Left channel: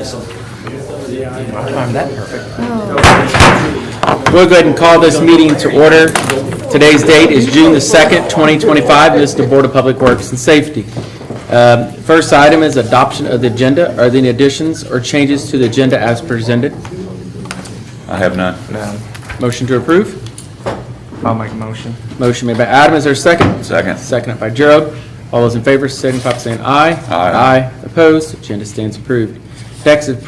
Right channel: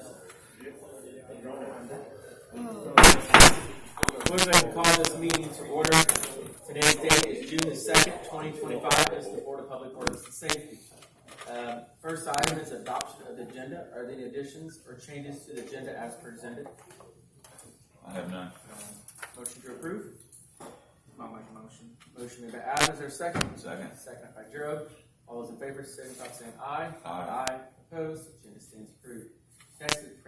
Timed that perfect. We'll go ahead and call this meeting to order. Today's date is June the 2nd, 2025. This is the Board of Public Works and Safety. First item is adoption of the agenda. Are there any additions or changes to the agenda as presented? I have none. No. Motion to approve? I'll make a motion. Motion made by Adam. Is there a second? Second. Seconded by Gerald. All those in favor signify by saying aye. Aye. Aye. Opposed? Agenda stands approved. Next is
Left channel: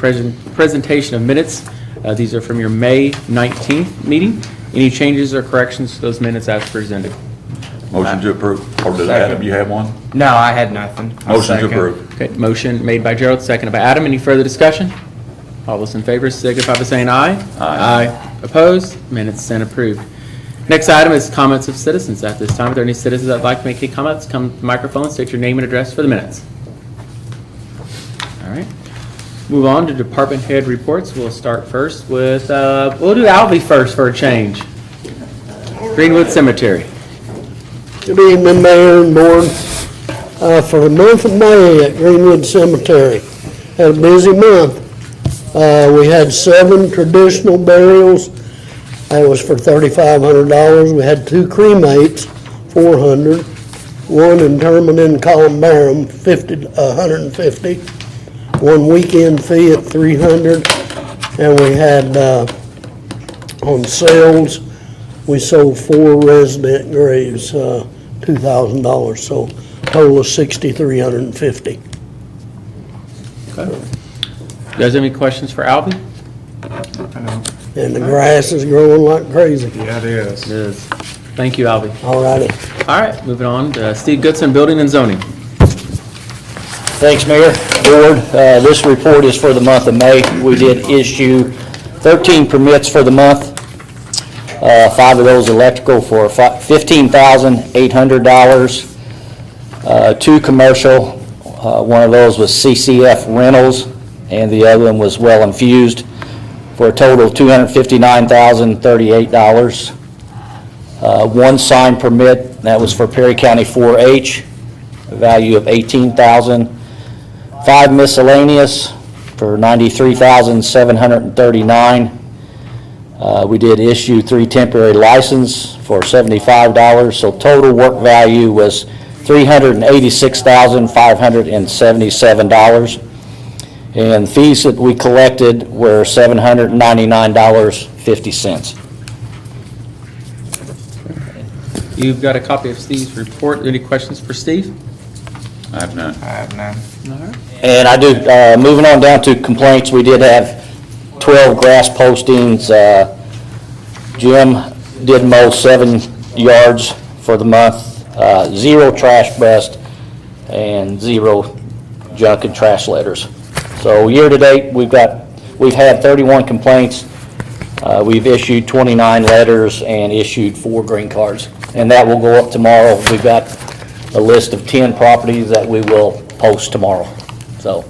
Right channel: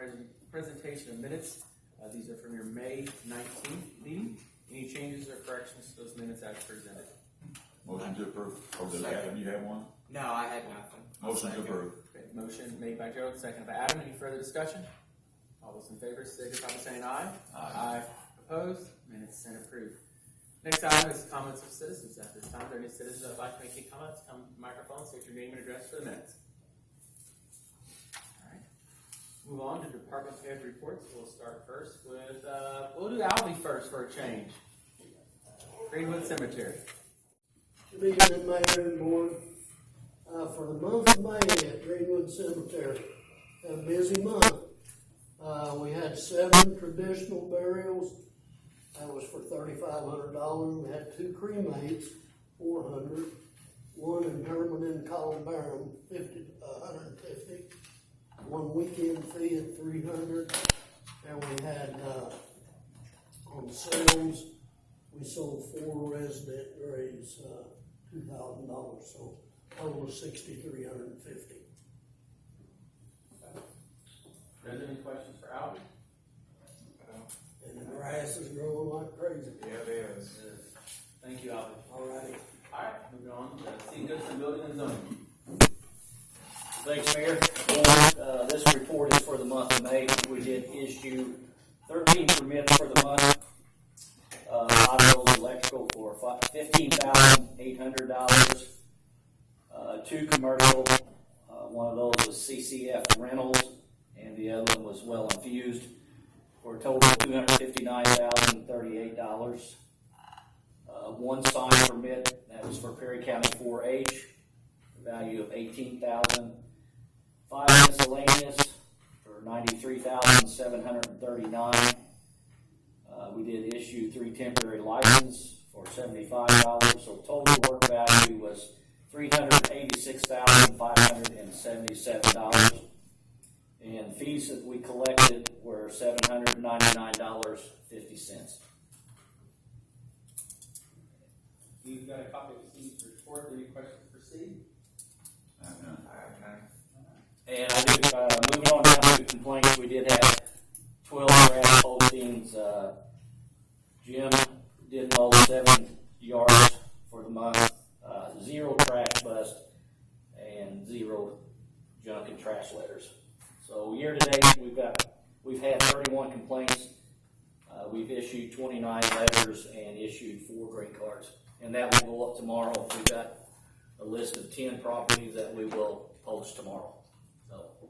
presentation of minutes. These are from your May 19th meeting. Any changes or corrections to those minutes as presented? Motion to approve. Or did Adam, you have one? No, I had nothing. I'll Motion to second. approve. Okay, motion made by Gerald, seconded by Adam. Any further discussion? All those in favor signify by saying aye. Aye. Opposed? Minutes stand approved. Next item is comments of citizens at this time. Are there any citizens that would like to make any comments? Come to the microphone, state your name and address for the minutes. All right. Move on to department head reports. We'll start first with, we'll do Albee first for a change. Greenwood Cemetery. Good evening, Mayor and Board. For the month of May at Greenwood Cemetery, had a busy month. We had 7 traditional burials. That was for $3,500. We had 2 cremates, $400. 1 interment in columbarium, $150. 1 weekend fee at $300. And we had on sales, we sold 4 resident graves, $2,000. So total of $6,350. Okay. You guys have any questions for Albee? And the grass is growing like crazy. Yeah, it is. It is. Thank you, Albee. All righty. All right, moving on to Steve Goodson, Building and Zoning. Thanks, Mayor. Board, this report is for the month of May. We did issue 13 permits for the month. 5 of those electrical for $15,800. 2 commercial. One of those was CCF Rentals, and the other one was Well Infused, for a total of $259,038. 1 sign permit, that was for Perry County 4-H, a value of $18,000. 5 miscellaneous for $93,739. We did issue 3 temporary license for $75, so total work value was $386,577. And fees that we collected were $799.50. You've got a copy of Steve's report. Any questions for Steve? I have none. I have none. All right. And I do, moving on down to complaints, we did have 12 grass postings. Jim did mow 7 yards for the month, 0 trash bust, and 0 junk and trash letters. So year to date, we've had 31 complaints. We've issued 29 letters and issued 4 green cards, and that will go up tomorrow. We've got a list of 10 properties that we will post tomorrow. So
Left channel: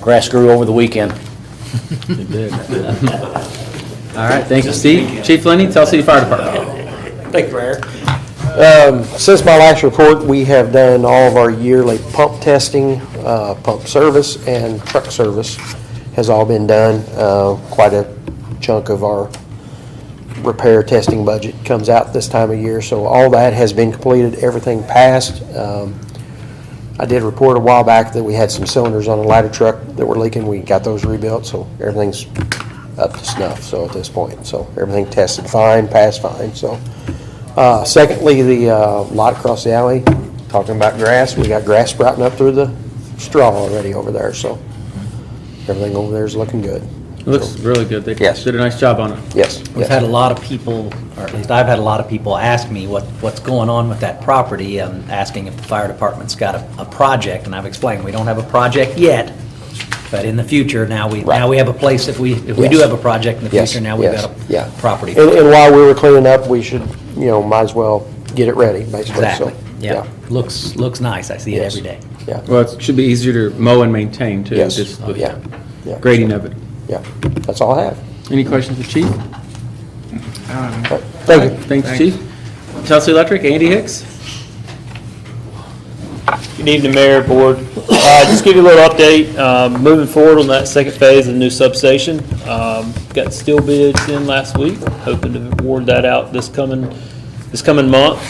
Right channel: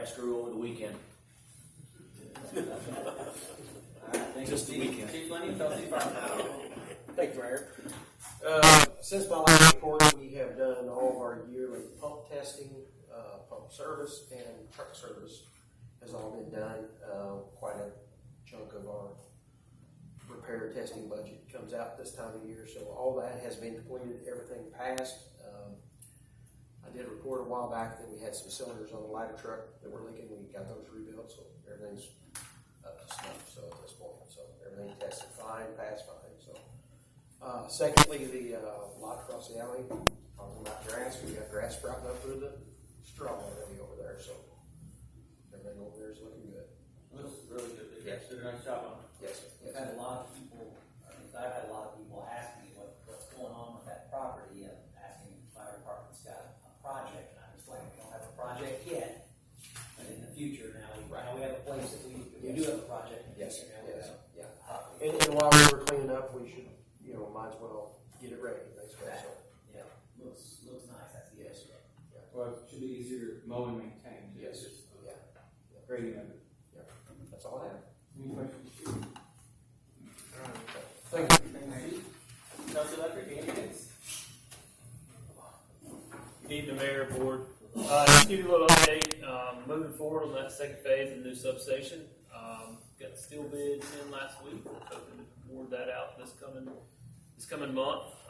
grass grew over the weekend. It did. All right, thank you, Steve. Chief Lenny, Tell City Fire Department. Thank you, Mayor. Since my last report, we have done all of our yearly pump testing, pump service, and truck service has all been done. Quite a chunk of our repair testing budget comes out this time of year, so all that has been completed, everything passed. I did report a while back that we had some cylinders on a ladder truck that were leaking. We got those rebuilt, so everything's up to snuff, so at this point. So everything tested fine, passed fine, so. Secondly, the lot across the alley, talking about grass, we got grass sprouting up through the straw already over there, so everything over there is looking good. It looks really good. They Yes. did a nice job on it. Yes. We've had a lot of people, or at least I've had a lot of people ask me what's going on with that property, and asking if the fire department's got a project, and I've explained we don't have a project yet, but in the future, now we have a place, if we do Yes. have a project in the Yes, future, now we've yes, got yeah. a property. And while we were cleaning up, we should, might as well get it ready, basically. Exactly, So, yeah. Looks nice, I see it Yes. every day. Yeah, Well, it should be easier to mow and maintain, too. Yes. Just with Yeah. yeah. grading of it. Yeah, that's all I have. Any questions for Chief? Thank you. Thanks, Chief. Chelsea Electric, Andy Hicks. Good evening, Mayor, Board. Just give you a little update. Moving forward on that second phase of the new substation. Got steel bids in last week, hoping to award that out this coming month.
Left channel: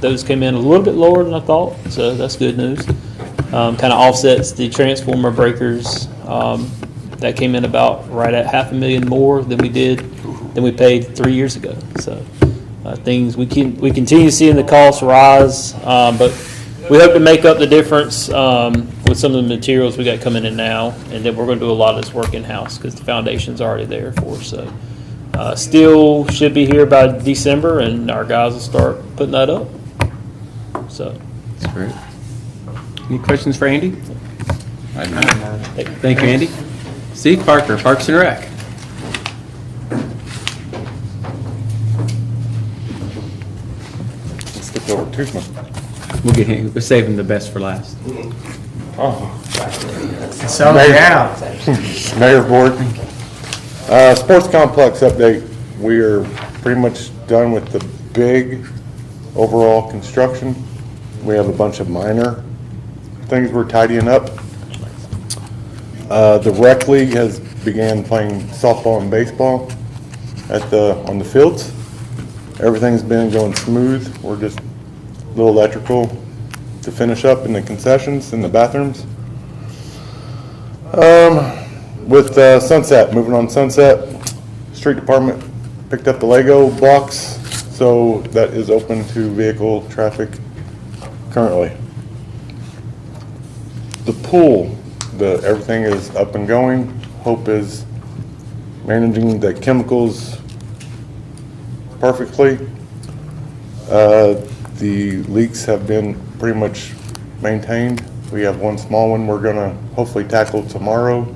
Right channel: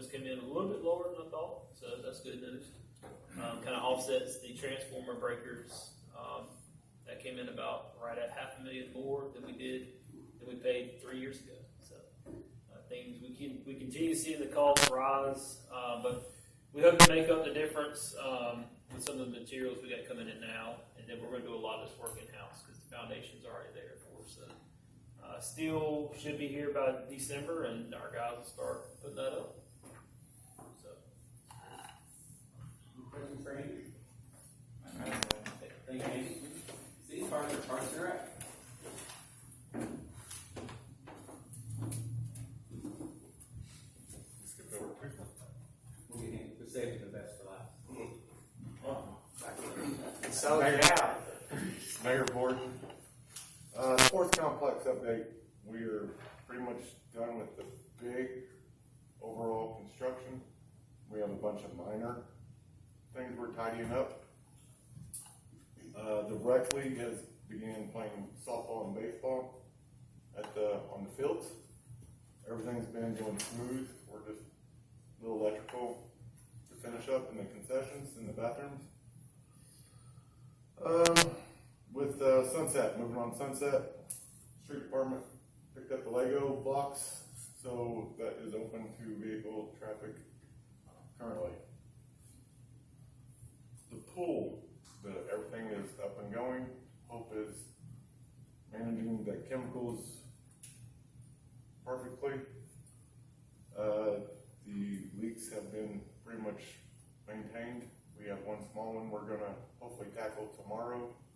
Those came in a little bit lower than I thought, so that's good news. Kind of offsets the transformer breakers. That came in about right at $500,000 more than we paid 3 years ago. So things we continue seeing the costs rise, but we hope to make up the difference with some of the materials we got coming in now, and then we're going to do a lot of this work in house because the foundation's already there for us. So steel should be here by December, and our guys will start putting that up. So. That's great. Any questions for Andy? I have none. Thank you, Andy. Steve Parker, Parks and Rec. Stick over to me. We'll get him, we're saving the best for last. So, yeah. Mayor, Board. Sports complex update. We are pretty much done with the big overall construction. We have a bunch of minor things we're tidying up. The rec league has began playing softball and baseball on the fields. Everything's been going smooth. We're just a little electrical to finish up in the concessions in the bathrooms. With Sunset, moving on Sunset, street department picked up the Lego blocks, so that is open to vehicle traffic currently. The pool, everything is up and going. Hope is managing the chemicals perfectly. The leaks have been pretty much maintained. We have one small one we're gonna hopefully tackle tomorrow.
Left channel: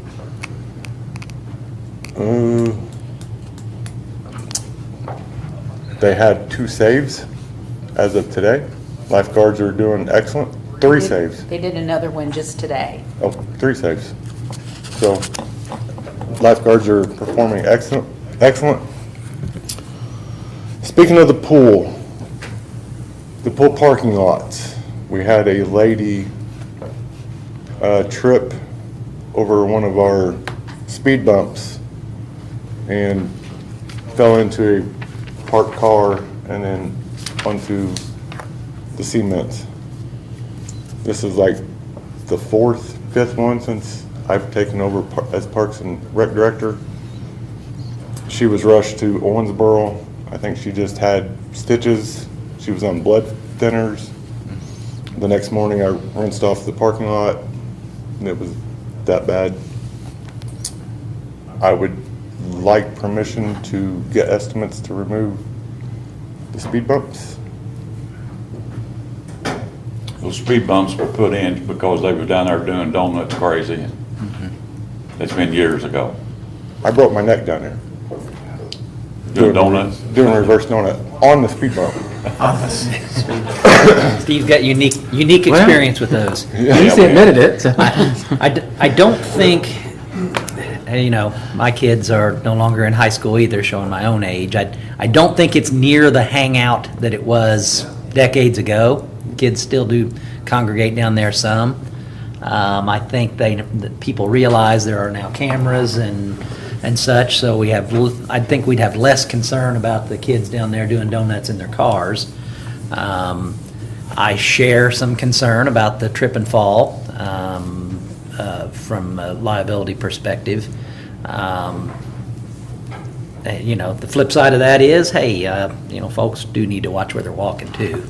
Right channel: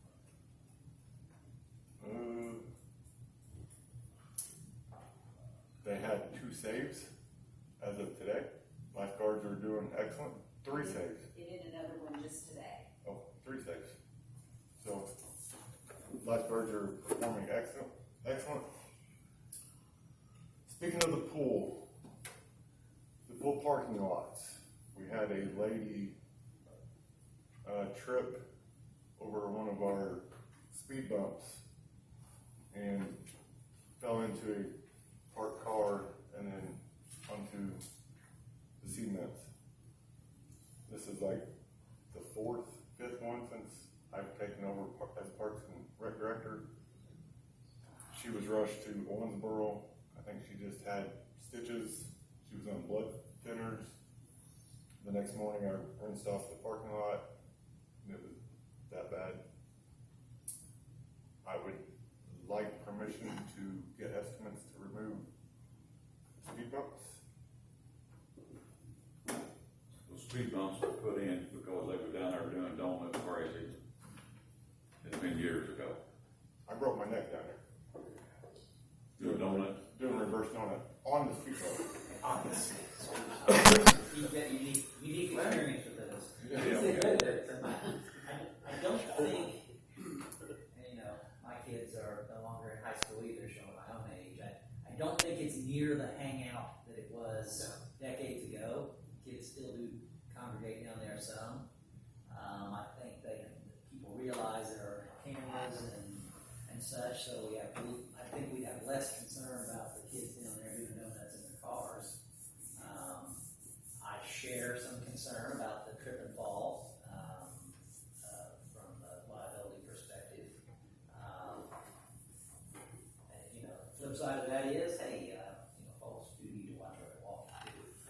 They had 2 saves as of today. Lifeguards are doing excellent. 3 saves. They did another one just today. Oh, 3 saves. So lifeguards are performing excellent. Speaking of the pool parking lots, we had a lady trip over one of our speed bumps and fell into a parked car and then onto the cement. This is like the 4th, 5th one since I've taken over as Parks and Rec Director. She was rushed to Owensboro. I think she just had stitches. She was on blood thinners. The next morning I rinsed off the parking lot and it was that bad. I would like permission to get estimates to remove the speed bumps. Those speed bumps were put in because they were down there doing donuts crazy. That's been years ago. I broke my neck down there. Doing donuts? Doing a reverse donut on the speed bump. Steve's got unique experience with those. He's admitted it. So. I don't think, my kids are no longer in high school either, showing my own age. I don't think it's near the hangout that it was decades ago. Kids still do congregate down there some. I think that people realize there are now cameras and such, so I think we'd have less concern about the kids down there doing donuts in their cars. I share some concern about the trip and fall from a liability perspective. The flip side of that is, folks do need to watch where they're walking too.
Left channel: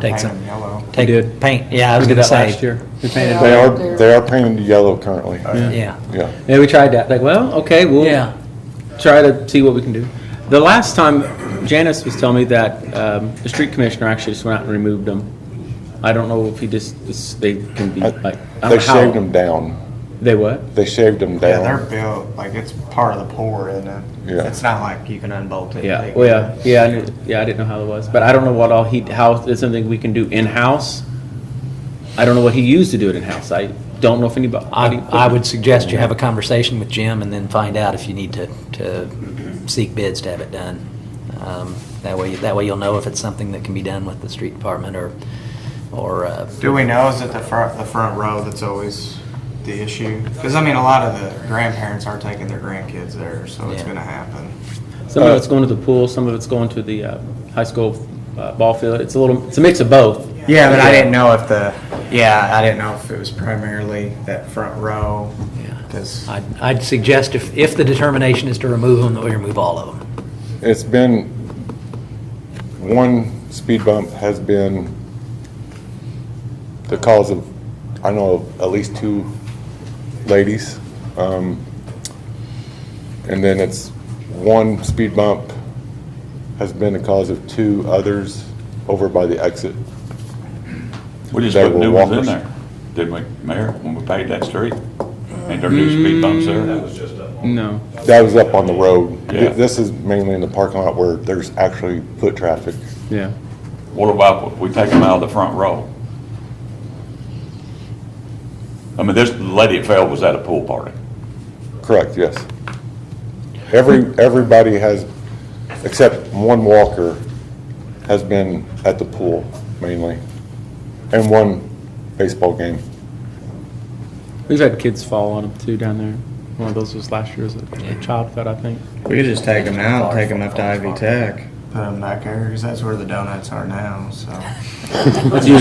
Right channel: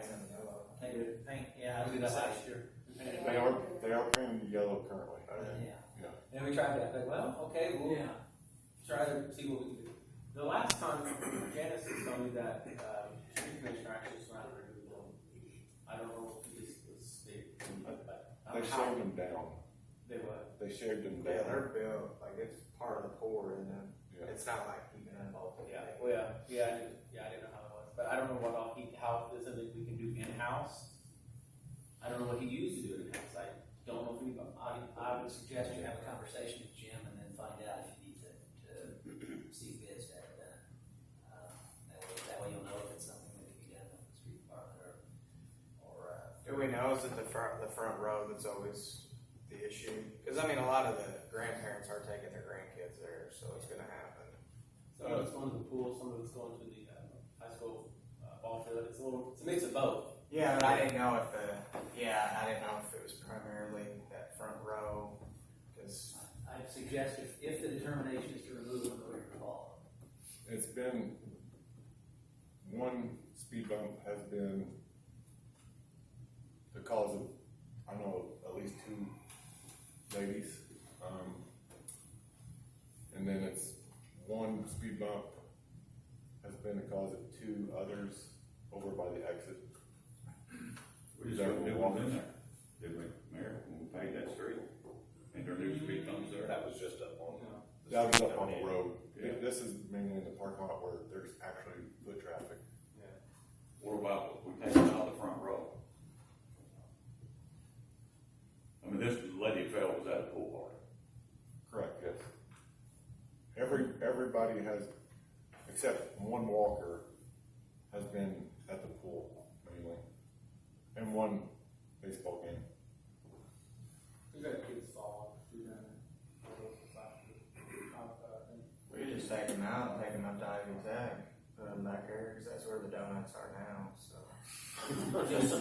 Take some, yellow. take We did. paint. Yeah, I was We did going to that say. last year. We painted. They are painted yellow currently. Yeah. Yeah. Yeah, we tried that. Like, well, okay, we'll Yeah. try to see what we can do. The last time, Janice was telling me that the street commissioner actually just went out and removed them. I don't know if they can be like. I don't They know how- shaved them down. They what? They shaved them Yeah, they're down. built, like, it's part of the pour, isn't it? Yeah. It's not like you can unbolt it. Yeah. Like- Well, yeah, I didn't know how it was, but I don't know what all how it's something we can do in house. I don't know what he used to do it in house. I don't know if anybody. I would suggest you have a conversation with Jim and then find out if you need to seek bids to have it done. That way you'll know if it's something that can be done with the street department or or, Do we know, is it the front row that's always the issue? Because, I mean, a lot of the grandparents are taking their grandkids there, so it's Yeah. gonna happen. Some of it's going to the pool, some of it's going to the high school ball field. It's a mix of both. Yeah, but I didn't know if I didn't know if it was primarily that front row, because, I'd suggest if the determination is to remove them, that we remove all of them. It's been, one speed bump has been the cause of, I know of at least 2 ladies. And then it's one speed bump has been the cause of 2 others over by the exit. We just They put were new ones in walkers. there, didn't we, Mayor, when we paved that street? Ain't there new speed bumps there? No. That was up on the road. Yeah. This is mainly in the parking lot where there's actually foot traffic. Yeah. What about, if we take them out of the front row? I mean, this lady that fell was at a pool party. Correct, yes. Everybody has, except one walker, has been at the pool mainly, and one baseball game. We've had kids fall on them too down there. One of those was last year, was a child fed, I think. we could just take them out, take them up to Ivy Tech, put them back there, because that's where the donuts are now, so. You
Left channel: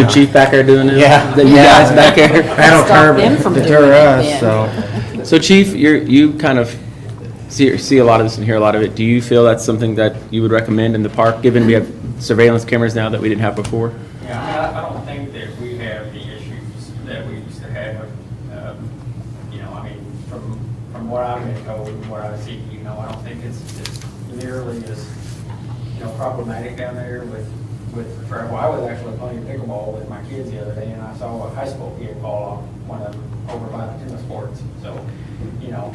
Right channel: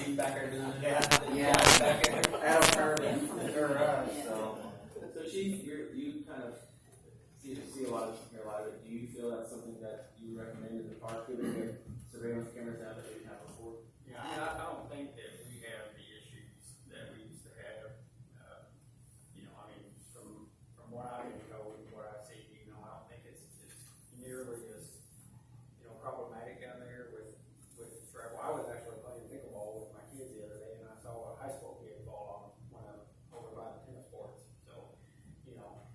and Chief back there doing it? Yeah. You guys back there? That'll Stop them from deter doing it us, then. so. So Chief, you kind of see a lot of this and hear a lot of it. Do you feel that's something that you would recommend in the park, given we have surveillance cameras now that we didn't have before? Yeah, I don't think that we have the issues that we used to have. You know, I mean, from what I've been told and what I see, you know, I don't think it's nearly as, you know, problematic down there with travel. I was actually playing pickleball with my kids the other day, and I saw a high school kid fall off one of them over by the tennis courts. So, you know,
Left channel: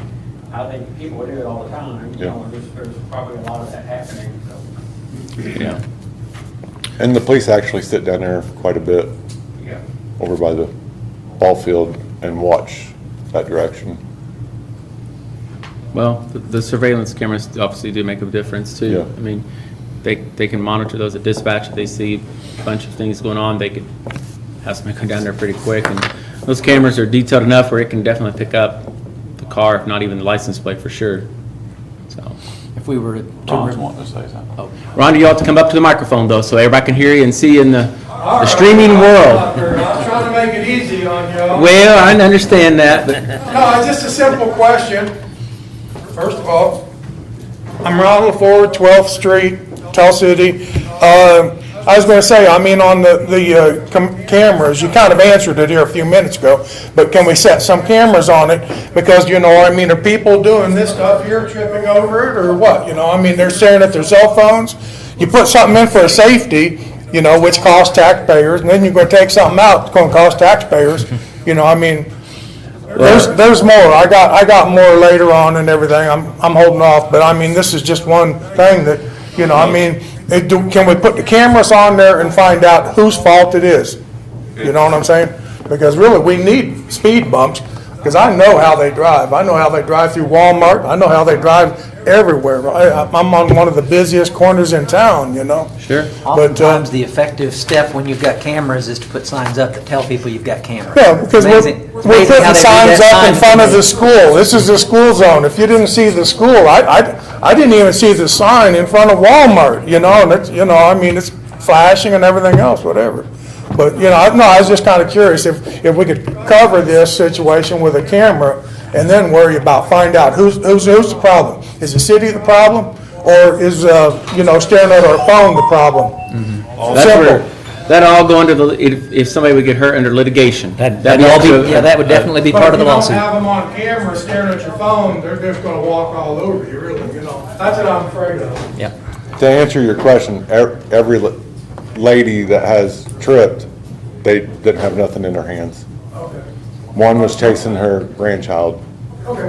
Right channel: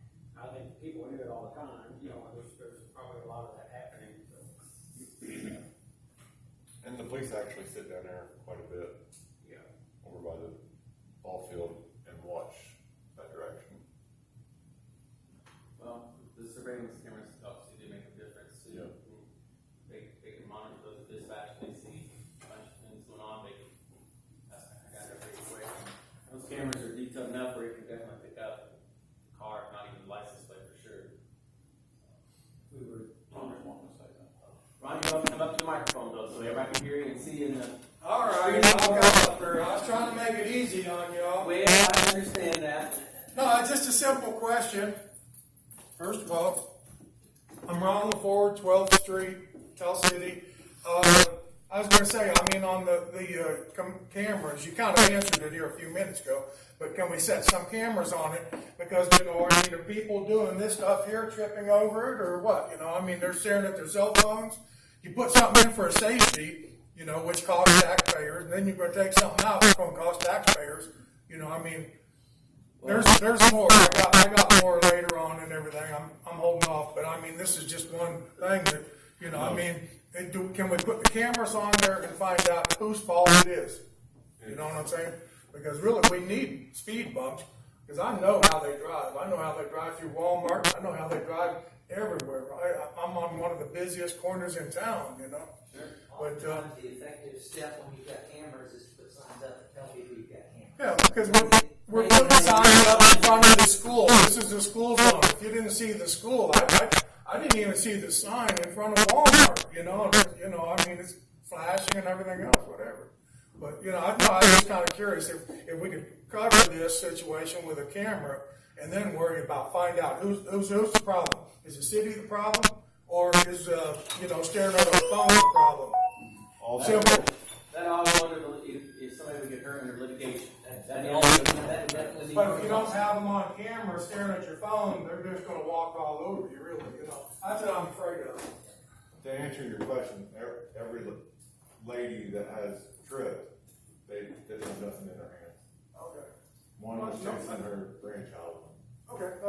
I think people would do it all the time. You know, there's probably a lot of that happening, so. Yeah. And the police actually sit down there quite a bit Yeah. over by the ball field and watch that direction. Well, the surveillance cameras obviously do make a difference too. Yeah. I mean, they can monitor those at dispatch. If they see a bunch of things going on, they could have somebody come down there pretty quick. And those cameras are detailed enough where it can definitely pick up the car, if not even the license plate for sure. So, If we were Ron's to, wanting to say something. oh, Rhonda, you ought to come up to the microphone though, so everybody can hear you and see you in the streaming world. I'm trying to make it easy on you. Well, I understand that, but No, it's just a simple question. First of all, I'm Ron LaFord, 12th Street, Tell City. I was going to say, I mean, on the cameras, you kind of answered it here a few minutes ago, but can we set some cameras on it? Because, you know, I mean, are people doing this stuff here, tripping over it, or what? You know, I mean, they're staring at their cell phones. You put something in for a safety, you know, which costs taxpayers, and then you're going to take something out, it's going to cost taxpayers. You know, I mean, there's more. I got more later on and everything. I'm holding off, but I mean, this is just one thing that, you know, I mean, can we put the cameras on there and find out whose fault it is? You know what I'm saying? Because really, we need speed bumps, because I know how they drive. I know how they drive through Walmart. I know how they drive everywhere. I'm on one of the busiest corners in town, you know? sure. oftentimes the effective step when you've got cameras is to put signs up that tell people you've got cameras. Yeah, because we're Amazing putting how they do signs that up in sign. front of the school. This is the school zone. If you didn't see the school, I didn't even see the sign in front of Walmart, you know, and it's, you know, I mean, it's flashing and everything else, whatever. But, you know, I was just kind of curious if we could cover this situation with a camera and then worry about, find out who's the problem. Is the city the problem, or is, you know, staring at our phone the problem? That's Simple. where, that'll all go under if somebody would get hurt under litigation. That'd all be, yeah, that would definitely be part of the But if you lawsuit. don't have them on camera staring at your phone, they're just gonna walk all over you, really, you know? That's what I'm afraid of. Yeah. To answer your question, every lady that has tripped, they didn't have nothing in their hands. One was chasing her grandchild. Okay,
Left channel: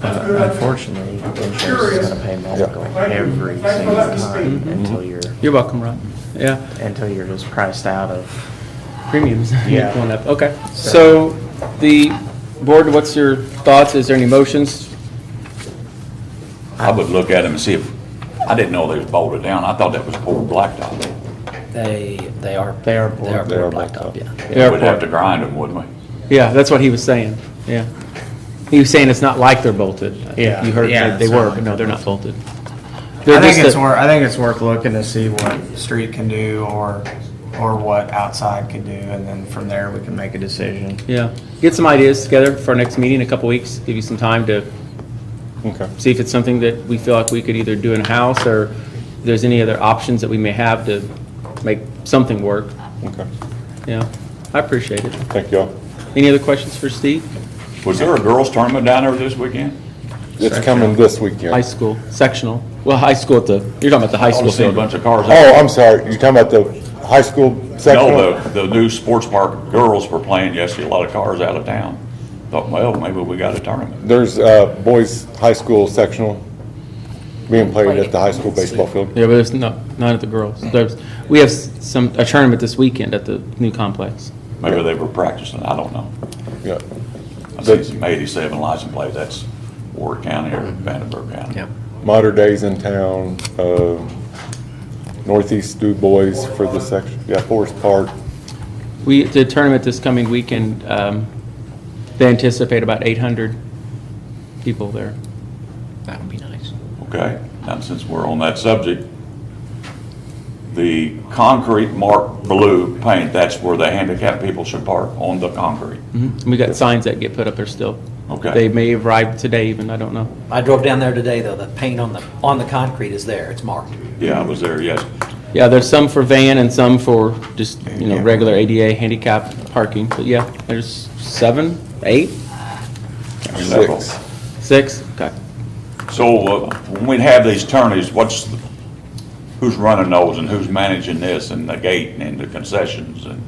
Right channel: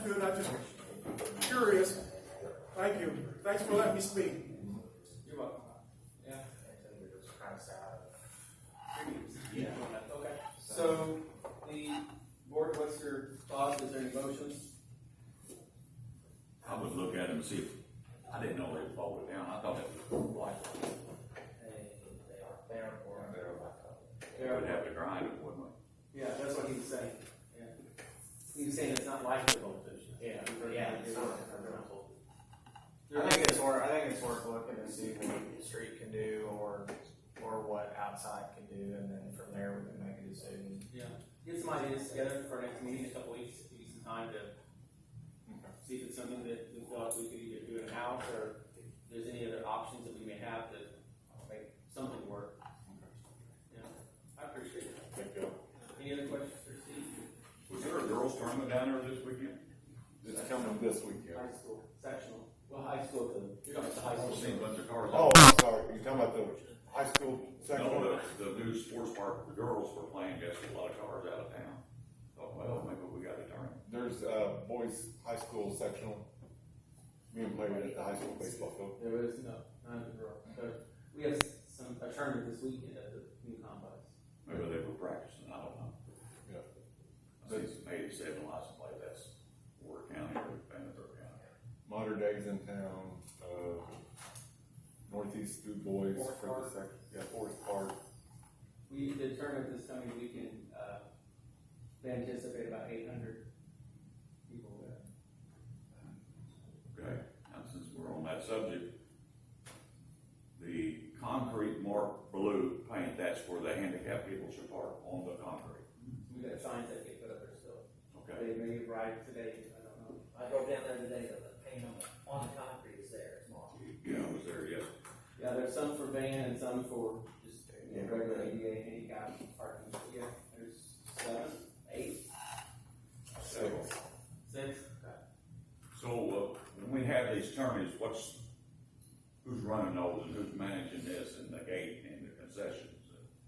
that's good. Unfortunately, insurance is gonna pay medical every single time You're welcome, Ron. Yeah. until you're just priced out of. Premiums. Yeah. Going up. Okay. So the board, what's your thoughts? Is there any motions? I would look at them and see if, I didn't know they was bolted down. I thought that was poured blacktop. They are. They are They are They are blacktop, yeah. They are We'd have poured. to grind them, wouldn't we? Yeah, that's what he was saying, yeah. He was saying it's not like they're bolted. Yeah. You heard Yeah, that they it's not were, like but no, they're they're not bolted. I They're think just it's a- worth, I think it's worth looking to see what street can do or what outside can do, and then from there we can make a decision. Yeah, get some ideas together for our next meeting in a couple weeks, give you some time to Okay. see if it's something that we feel like we could either do in-house, or if there's any other options that we may have to make something work. Okay. Yeah, I appreciate it. Thank y'all. Any other questions for Steve? Was there a girls' tournament down there this weekend? It's coming this weekend. High school, sectional, well, high school at the, you're talking about the high I school was seeing a field. bunch of cars. Oh, I'm sorry. You talking about the high school sectional? No, the new sports park girls were playing yesterday, a lot of cars out of town. Thought, well, maybe we got a tournament. There's boys' high school sectional being played at the high school baseball field. Yeah, but it's not at the girls. We have a tournament this weekend at the new complex. Maybe they were practicing, I don't know. Yeah. I see some 87 license plates, that's Ward County or Vandenberg County. Yeah. Mater Days in town, Northeast Du Bois for the section, yeah, Forest Park. The tournament this coming weekend, they anticipate about 800 people there. That would be nice. Okay, now since we're on that subject, the concrete marked blue paint, that's where the handicapped people should park, on the concrete. And we got signs that get put up there still. Okay. They may have arrived today even, I don't know. I drove down there today, though. The paint on the concrete is there. It's marked. Yeah, I was there, yes. Yeah, there's some for van and some for just, regular ADA handicap parking. But yeah, there's 7, 8, 6. 6, okay. So when we have these tourneys, who's running those and who's managing this and the gate and the concessions? And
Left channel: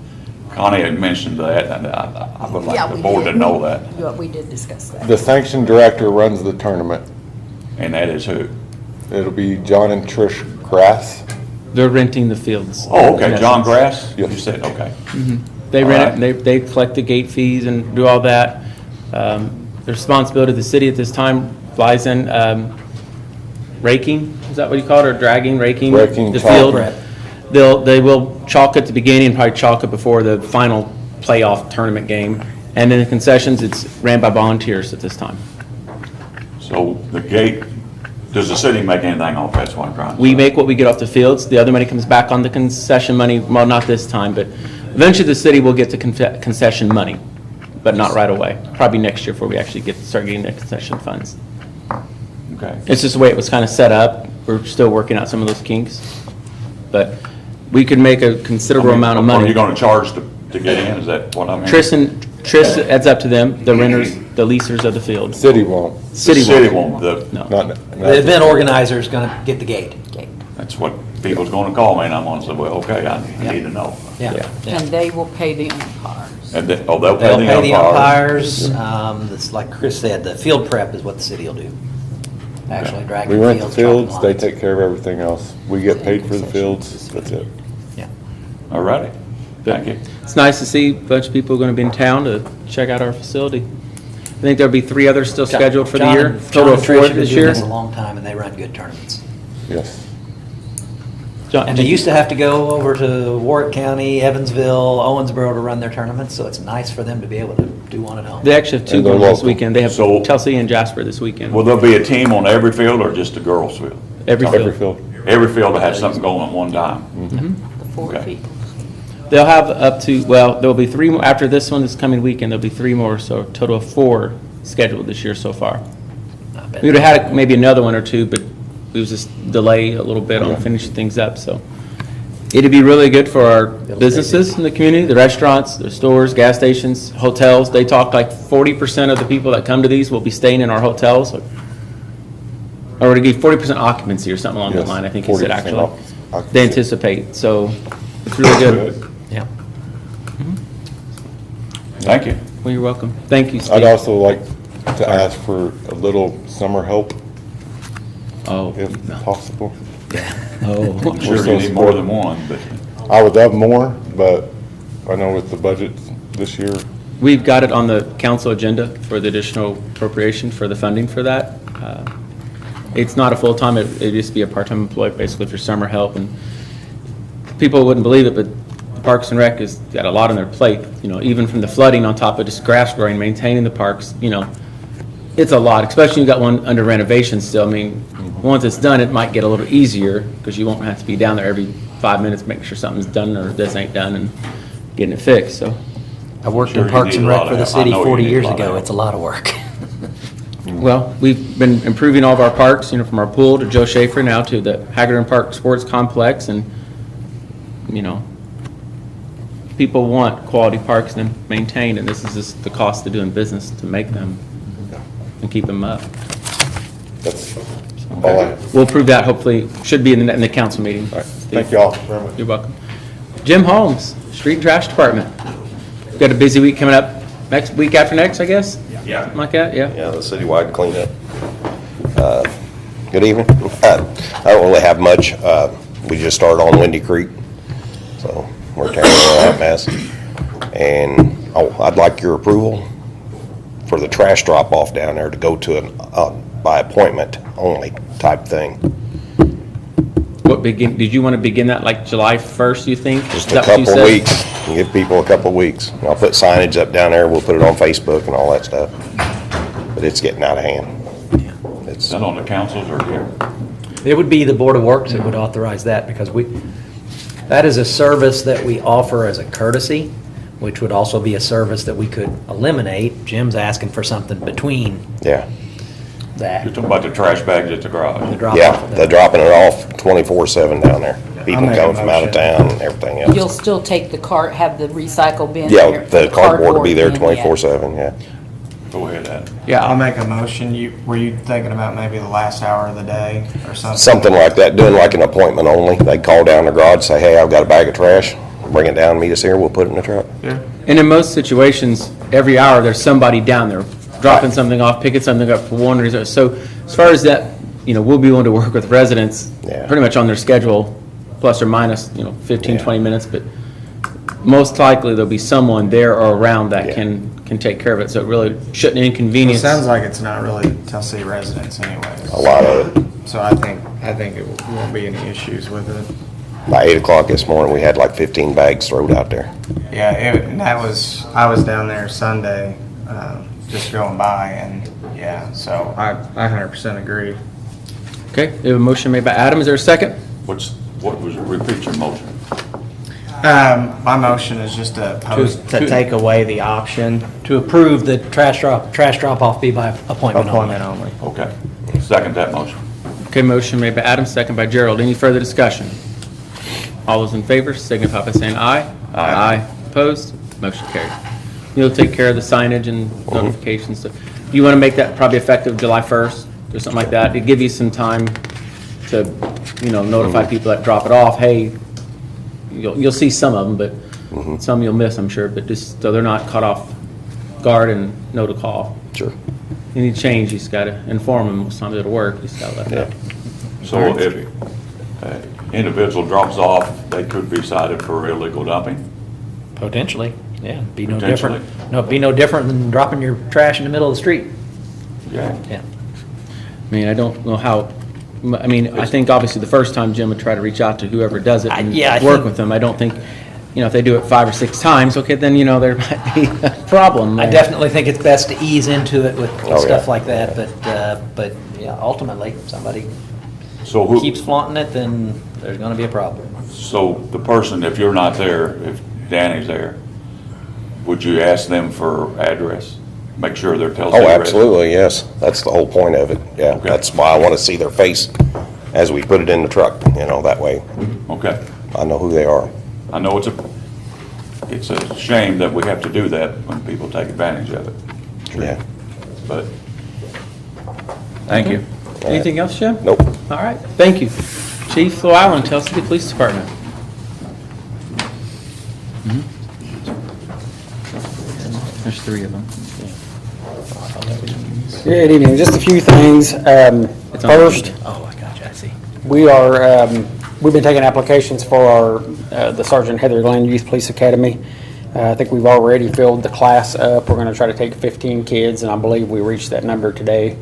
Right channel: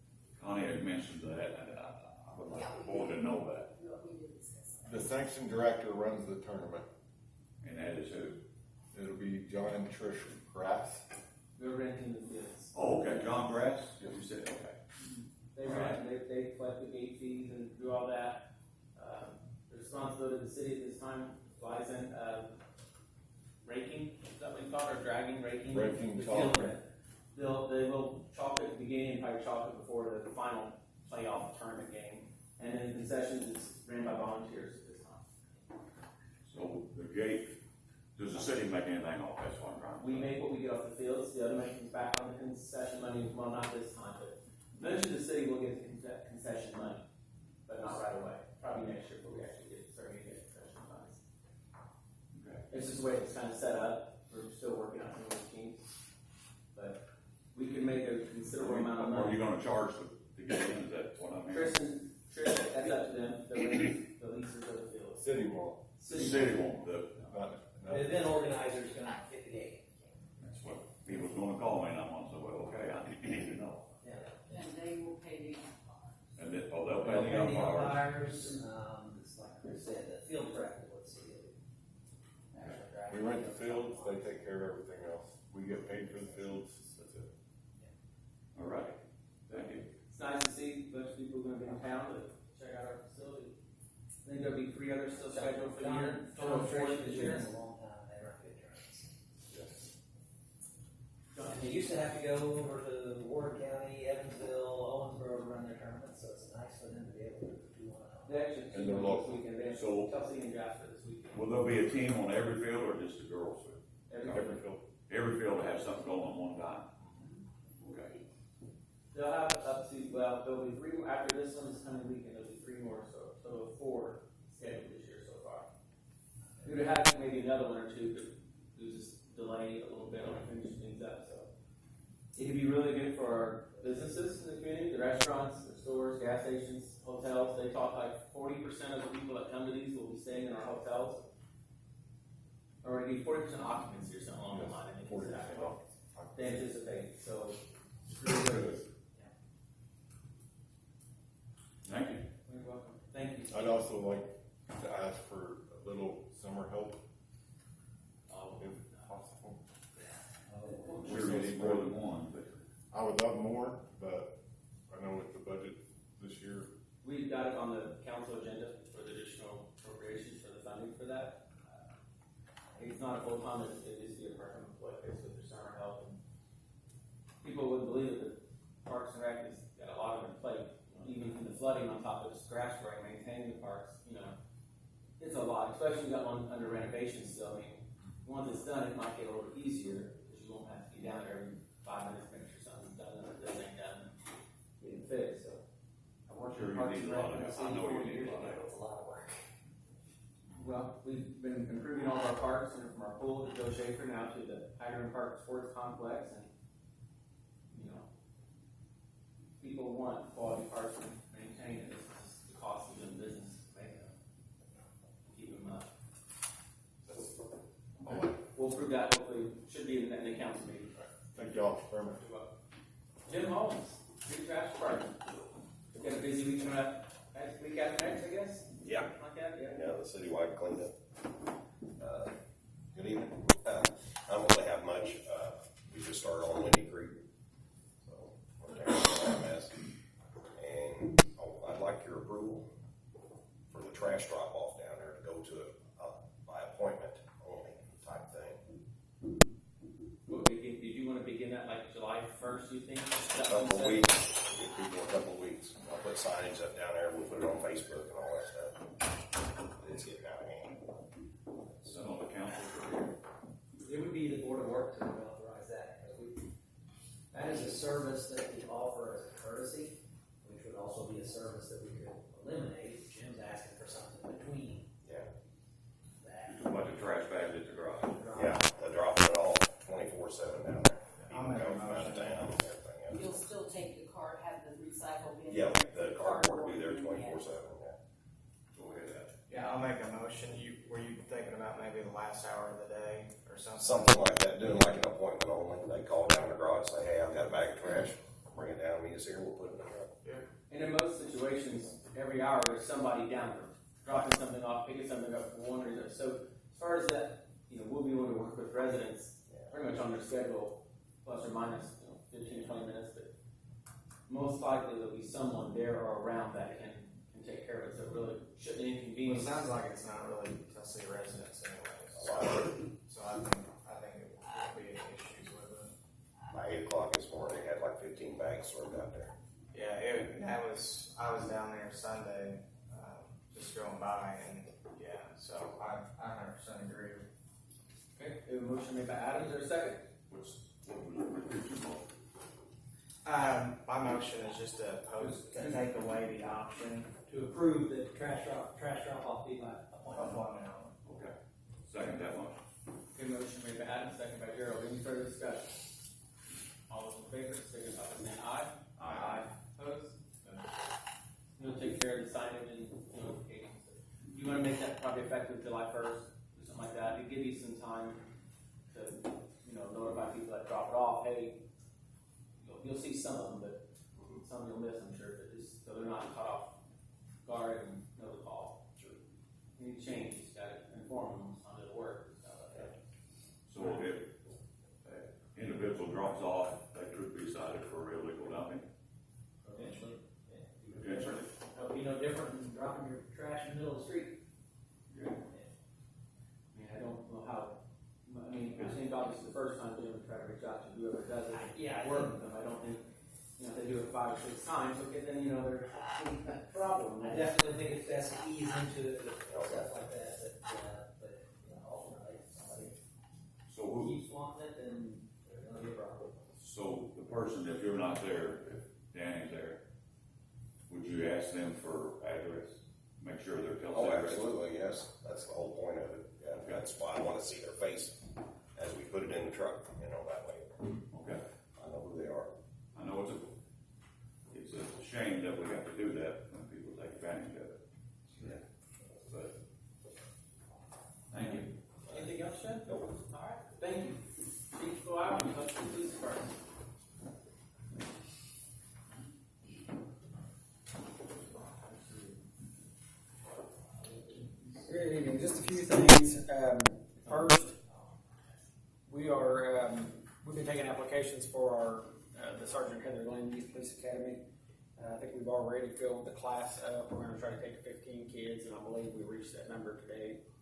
Connie had mentioned that, and I would Yeah, like the we board did. to know that. Yeah, we did discuss that. The sanction director runs the tournament. And that is who? It'll be John and Trish Grass. They're renting the fields. Oh, okay, In John essence. Grass? Yes. You said, okay. They All rent it, right. and they collect the gate fees and do all that. The responsibility of the city at this time lies in raking, is that what you call it, or dragging, raking? Raking, the chalk. field. Prep. They will chalk at the beginning and probably chalk it before the final playoff tournament game. And then the concessions, it's ran by volunteers at this time. So the gate, does the city make anything off that's what I'm trying to say? We make what we get off the fields. The other money comes back on the concession money, well, not this time, but eventually the city will get the concession money, but not right away. Probably next year before we actually start getting the concession funds. Okay. It's just the way it was kind of set up. We're still working out some of those kinks. But we could make a considerable amount of Are money. you gonna charge to get in, is that what I mean? Trish, it's up to them, the renters, the leasers of the field. City won't. The City city won't. won't, No. Not, The event organizer is going to get the gate. that's what people's gonna call me, and I'm gonna say, well, okay, I need to know. Yeah. Yeah. And they will pay the umpires. And they'll They'll pay pay the the umpires. It's like Chris said, the field prep is what the city will do. Actually dragging we the rent the fields. fields, they take care of everything else. We get paid for the fields, that's it. Yeah. All righty, thank you. It's nice to see a bunch of people going to be in town to check out our facility. I think there'll be 3 others still scheduled for the John year, and- total John of and 4 Trish have been this doing year. this a long time, and they run good tournaments. Yes. John, And they used to have to go over to Warwick County, Evansville, Owensboro to run their tournaments, so it's nice for them to be able to do one at home. They actually have 2 And they're going this local. weekend. They have So- Chelsea and Jasper this weekend. Will there be a team on every field or just the girls' field? Every Every field. field. Every field that has something going at one time? The 4 Okay. people. They'll have up to, well, there'll be 3 more, after this one this coming weekend, there'll be 3 more, so a total of 4 scheduled this year so far. I bet. We would have had maybe another 1 or 2, but it was just delay a little bit on finishing things up, so. It'd be really good for our businesses in the community, the restaurants, the stores, gas stations, hotels. They talk like 40% of the people that come to these will be staying in our hotels. Or to give 40% occupancy or something along that Yes, line, I think he said 40% actually. occupancy. They anticipate, so it's really good. Yeah. Thank you. Well, you're welcome. Thank you, I'd Steve. also like to ask for a little summer help, Oh, if possible. oh. I'm sure you need more than one, but I would love more, but I know with the budget this year, We've got it on the council agenda for the additional appropriation for the funding for that. It's not a full-time, it'd just be a part-time employee basically for summer help, and people wouldn't believe it, but Parks and Rec has got a lot on their plate, even from the flooding on top of just grass growing, maintaining the parks, it's a lot, especially you got one under renovation still. I mean, once it's done, it might get a little easier because you won't have to be down there every 5 minutes, making sure something's done or this ain't done and getting it fixed, so. I worked Sure in you Parks need and a Rec lot for of the help. I city know you 40 need a years lot of ago. help. It's a lot of work. Well, we've been improving all of our parks, from our pool to Joe Schaefer now to the Haggerty Park Sports Complex, and, people want quality parks and maintained, and this is just the cost of doing business to make them and keep them up. That's all I have. We'll approve that, hopefully, should be in the council meeting. Thank you all very much. You're welcome. Jim Holmes, Street and Trash Department. We've got a busy week coming up, next week after next, I guess? Yeah. Something like that, yeah? Yeah, the citywide cleanup. Good evening. I don't really have much. We just started on Windy Creek, so we're tearing all that mess. And I'd like your approval for the trash drop-off down there to go to an by appointment only type thing. Did you want to begin that like July 1st, you think? Just Is a that what you couple said? weeks. Give people a couple weeks. And I'll put signage up down there. We'll put it on Facebook and all that stuff. But it's getting out of hand. Is that on the councils or here? It would be the Board of Works that would authorize that because that is a service that we offer as a courtesy, which would also be a service that we could eliminate. Jim's asking for something between Yeah. that. You're talking about the trash bags at the garage? The drop Yeah, off of they're that. dropping it off 24/7 down there. People make a coming from out of motion. town and everything else. You'll still take the cart, have the recycle bin Yeah, there? the cardboard will be there bin, yeah. 24/7, yeah. Go ahead, Adam. Yeah, I'll make a motion. Were you thinking about maybe the last hour of the day or something? Something like that, doing like an appointment only. They call down the garage, say, hey, I've got a bag of trash, bring it down, meet us here, we'll put it in the truck. and in most situations, every hour, there's somebody down there dropping something off, picking something up for one reason. So as far as that, we'll be willing to work with residents Yeah. pretty much on their schedule, plus or minus, 15, 20 minutes, but most likely there'll be someone there or around that Yeah. can take care of it, so it really shouldn't It inconvenience. sounds like it's not really Tennessee residents anyways. A lot of it. So I think it won't be any issues with it. By 8 o'clock this morning, we had like 15 bags thrown out there. Yeah, and I was down there Sunday, just going by, and yeah, so I 100% agree. Okay, we have a motion made by Adam, is there a second? Repeat your motion. My motion is just to take away the option, To approve the trash drop-off be by appointment only. appointment only. Okay. Second that motion. Okay, motion made by Adam, second by Gerald. Any further discussion? All those in favor signify by saying aye. Aye. Opposed? Motion carried. You'll take care of the signage and notifications. Do you want to make that probably effective July 1st or something like that? To give you some time to, notify people that drop it off, hey, you'll see some of them, but some you'll miss, I'm sure, but just so they're not caught off guard and know to call. Sure. Any change, you just got to inform them. Most times it'll work, you just got to let them know. So if an individual drops off, they could be cited for illegal dumping? Potentially, yeah. Be no Potentially. different. No, be no different than dropping your trash in the middle of the street. Yeah. Yeah. I mean, I don't know how, I think obviously the first time Jim would try to reach out to whoever does it and I work think- with them. I don't think, if they do it 5 or 6 times, okay, then, there might be a problem. I definitely think it's best to ease into it with Oh, stuff yeah. like that, but yeah, ultimately, if somebody So who, keeps flaunting it, then there's gonna be a problem. so the person, if you're not there, if Danny's there, would you ask them for address? Make sure they're Tell City Oh, residents? absolutely, yes. That's the whole point of it. Yeah, Okay. that's why I want to see their face as we put it in the truck, that way Okay. I know who they are. I know it's a shame that we have to do that when people take advantage of it, Yeah. but Thank you. Anything else, Jim? Nope. All right, thank you. Chief Llewellyn, Tell City Police Department. There's 3 of them. Good evening. Just a few things. First, Oh, I gotcha, I see. we are, we've been taking applications for the Sergeant Heather Glenn Youth Police Academy. I think we've already filled the class up. We're going to try to take 15 kids, and I believe we reached that number today.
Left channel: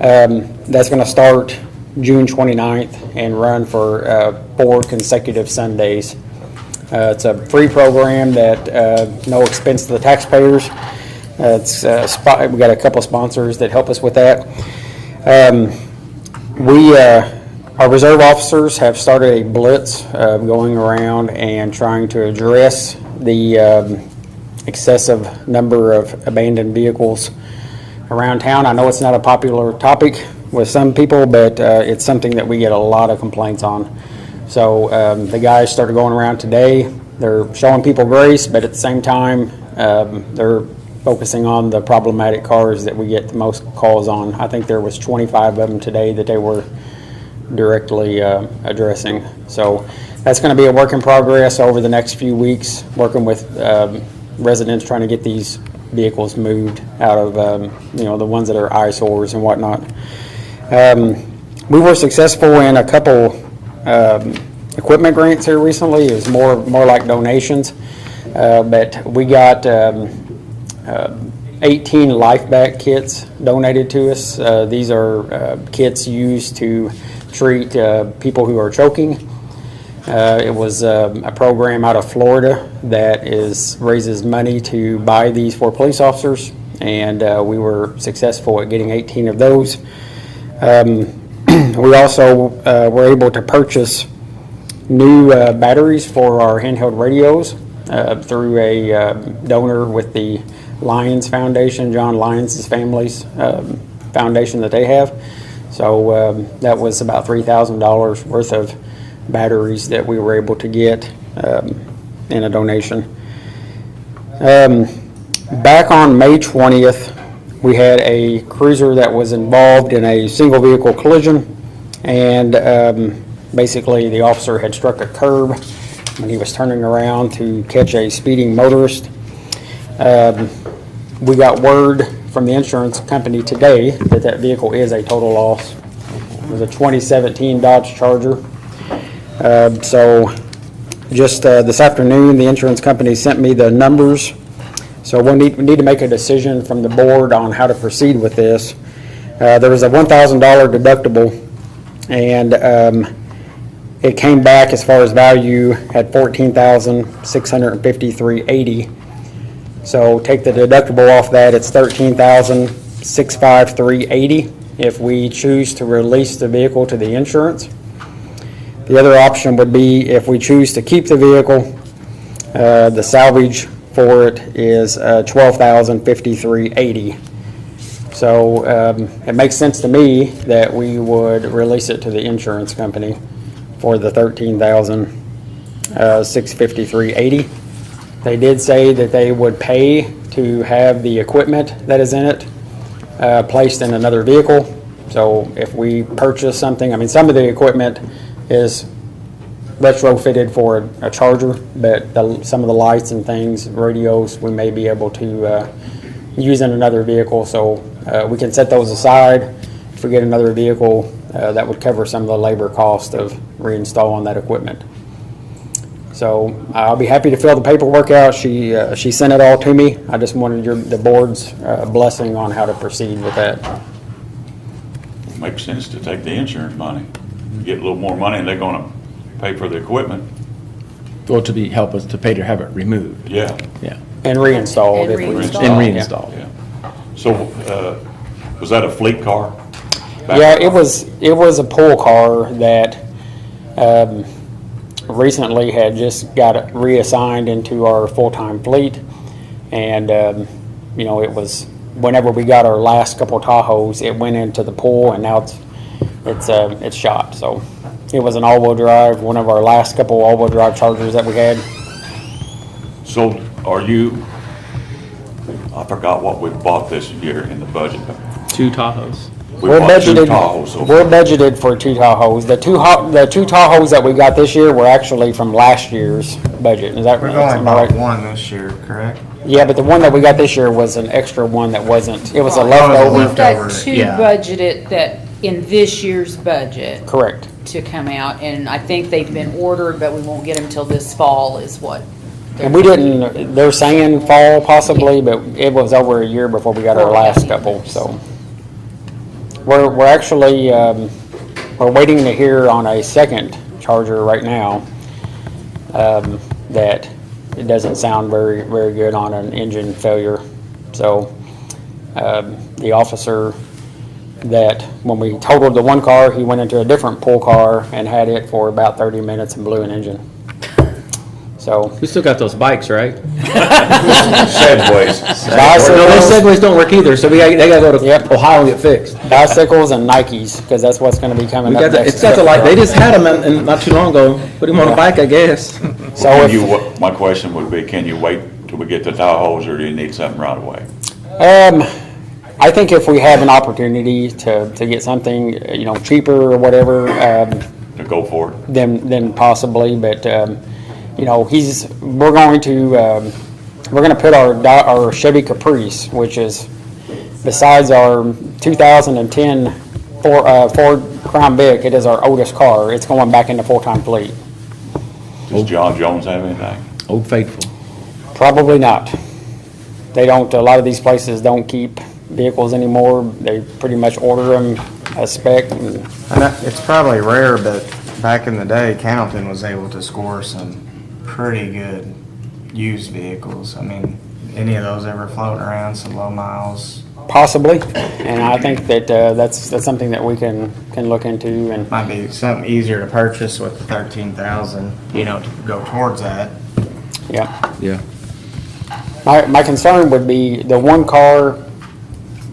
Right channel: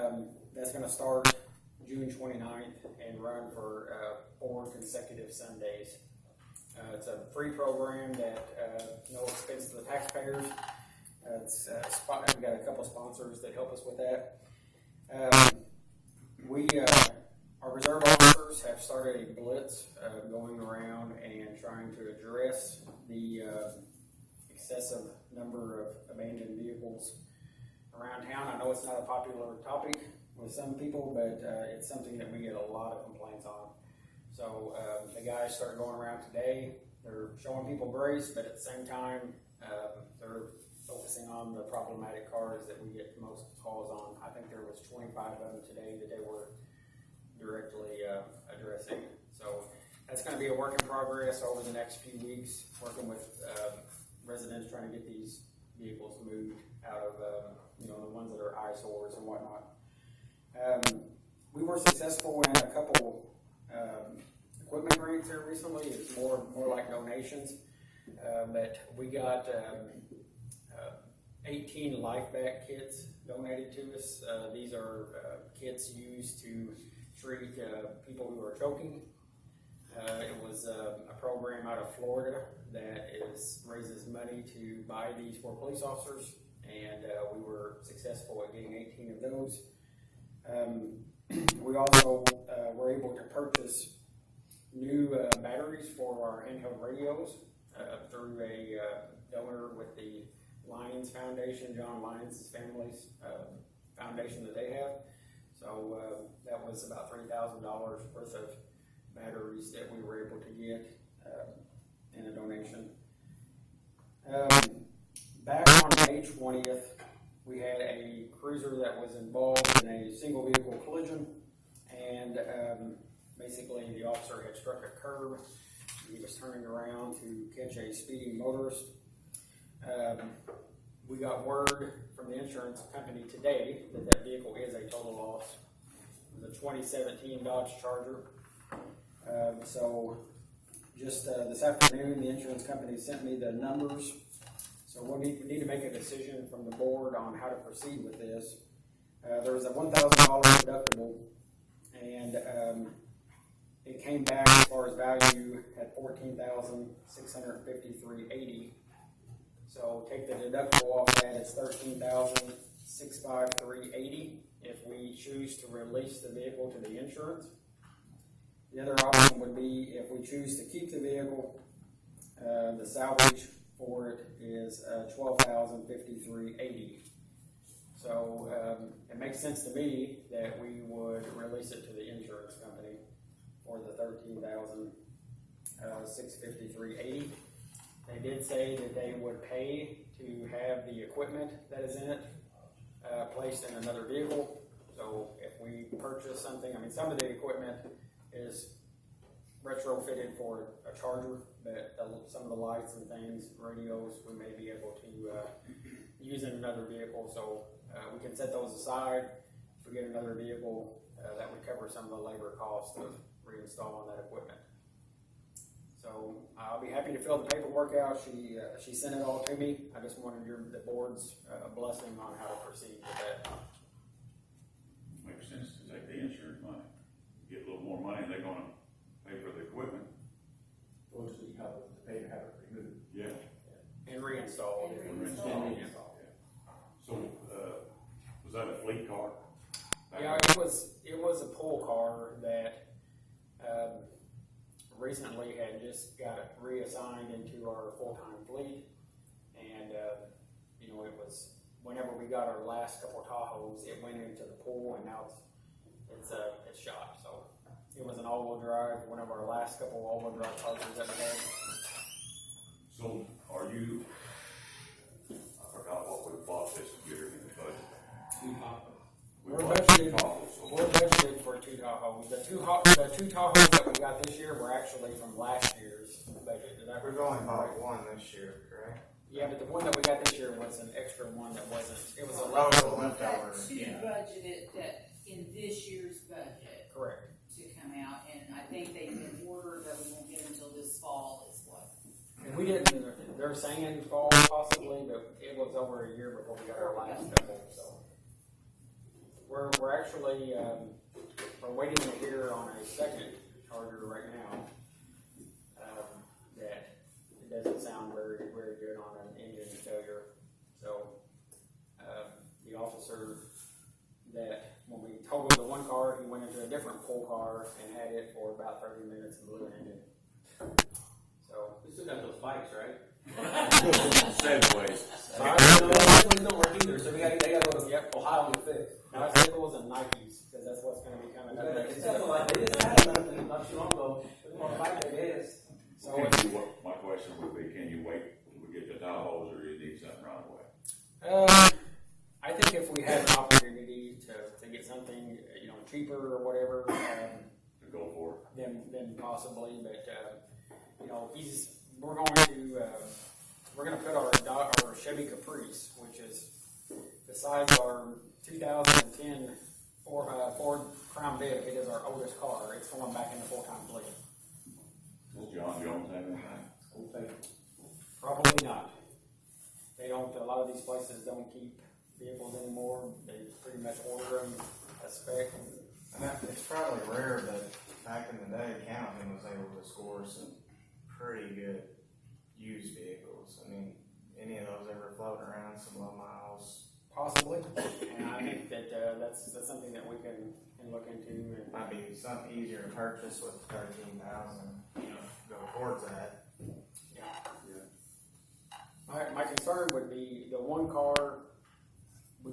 That's going to start June 29th and run for 4 consecutive Sundays. It's a free program that, no expense to the taxpayers. We got a couple sponsors that help us with that. Our reserve officers have started a blitz going around and trying to address the excessive number of abandoned vehicles around town. I know it's not a popular topic with some people, but it's something that we get a lot of complaints on. So the guys started going around today. They're showing people grace, but at the same time, they're focusing on the problematic cars that we get the most calls on. I think there was 25 of them today that they were directly addressing. So that's going to be a work in progress over the next few weeks, working with residents trying to get these vehicles moved out of, the ones that are eyesores and whatnot. We were successful in a couple equipment grants here recently. It was more like donations, but we got 18 LifeBack kits donated to us. These are kits used to treat people who are choking. It was a program out of Florida that raises money to buy these for police officers, and we were successful at getting 18 of those. We also were able to purchase new batteries for our handheld radios through a donor with the Lions Foundation, John Lyons' family's foundation that they have. So that was about $3,000 worth of batteries that we were able to get in a donation. Back on May 20th, we had a cruiser that was involved in a single vehicle collision, and basically the officer had struck a curb when he was turning around to catch a speeding motorist. We got word from the insurance company today that vehicle is a total loss. It was a 2017 Dodge Charger. So just this afternoon, the insurance company sent me the numbers. So we need to make a decision from the board on how to proceed with this. There was a $1,000 deductible, and it came back as far as value at $14,653.80. So take the deductible off that, it's $13,653.80 if we choose to release the vehicle to the insurance. The other option would be if we choose to keep the vehicle, the salvage for it is $12,053.80. So it makes sense to me that we would release it to the insurance company for the $13,653.80. They did say that they would pay to have the equipment that is in it placed in another vehicle. So if we purchase something, I mean, some of the equipment is retrofitted for a Charger, but some of the lights and things, radios, we may be able to use in another vehicle. So we can set those aside. If we get another vehicle, that would cover some of the labor cost of reinstalling that equipment. So I'll be happy to fill the paperwork out. She sent it all to me. I just wanted the board's blessing on how to proceed with that. Makes sense to take the insurance money. You get a little more money and they're gonna pay for the equipment. Well, help us to pay to have it removed. Yeah. Yeah. And reinstalled. And if we reinstalled. And reinstalled. Yeah. So, was that a fleet car? Yeah, it was a pool car that recently had just got reassigned into our full-time fleet, and it was whenever we got our last couple Tahoes, it went into the pool, and now it's shot. So it was an all-wheel drive, one of our last couple all-wheel drive Chargers that we had. So I forgot what we bought this year in the budget. 2 Tahoes. We bought 2 Tahoes. So We're budgeted for 2 Tahoes. The two Tahoes that we got this year were actually from last year's budget. Is that We've right? only bought one this year, correct? Yeah, but the one that we got this year was an extra one that wasn't. It was a Oh, leftover. We've got leftover, 2 yeah. budgeted that in this year's budget Correct. to come out, and I think they've been ordered, but we won't get them till this fall is what. And we didn't, they're saying fall possibly, but it was over a year before we got our last couple, so. We're actually, we're waiting to hear on a second Charger right now. that it doesn't sound very, very good on an engine failure. So the officer that, when we totaled the one car, he went into a different pool car and had it for about 30 minutes and blew an engine. So. We still got those bikes, right? Segways. No, those Segways don't work either, so they gotta go to Ohio and get fixed. Bicycles and Nikes, because that's what's going to be coming We up got next. it's got the light, they just had them and not too long ago, put him on a bike, I guess. So Can if, you, my question would be, can you wait till we get the Tahoes, or do you need something right away? I think if we have an opportunity to get something, cheaper or whatever, To go for it? then possibly, but, we're going to put our Chevy Caprice, which is, besides our 2010 Ford Crown Vic, it is our oldest car. It's going back into full-time fleet. Does John Jones have anything? Old Faithful. Probably not. They don't, a lot of these places don't keep vehicles anymore. They pretty much order them a spec. And I know it's probably rare, but back in the day, Cannleton was able to score some pretty good used vehicles. I mean, any of those ever floating around, some low miles? Possibly, and I think that that's something that we can look into. And Might be something easier to purchase with the 13,000, to go towards that. yeah, Yeah. my concern would be the one car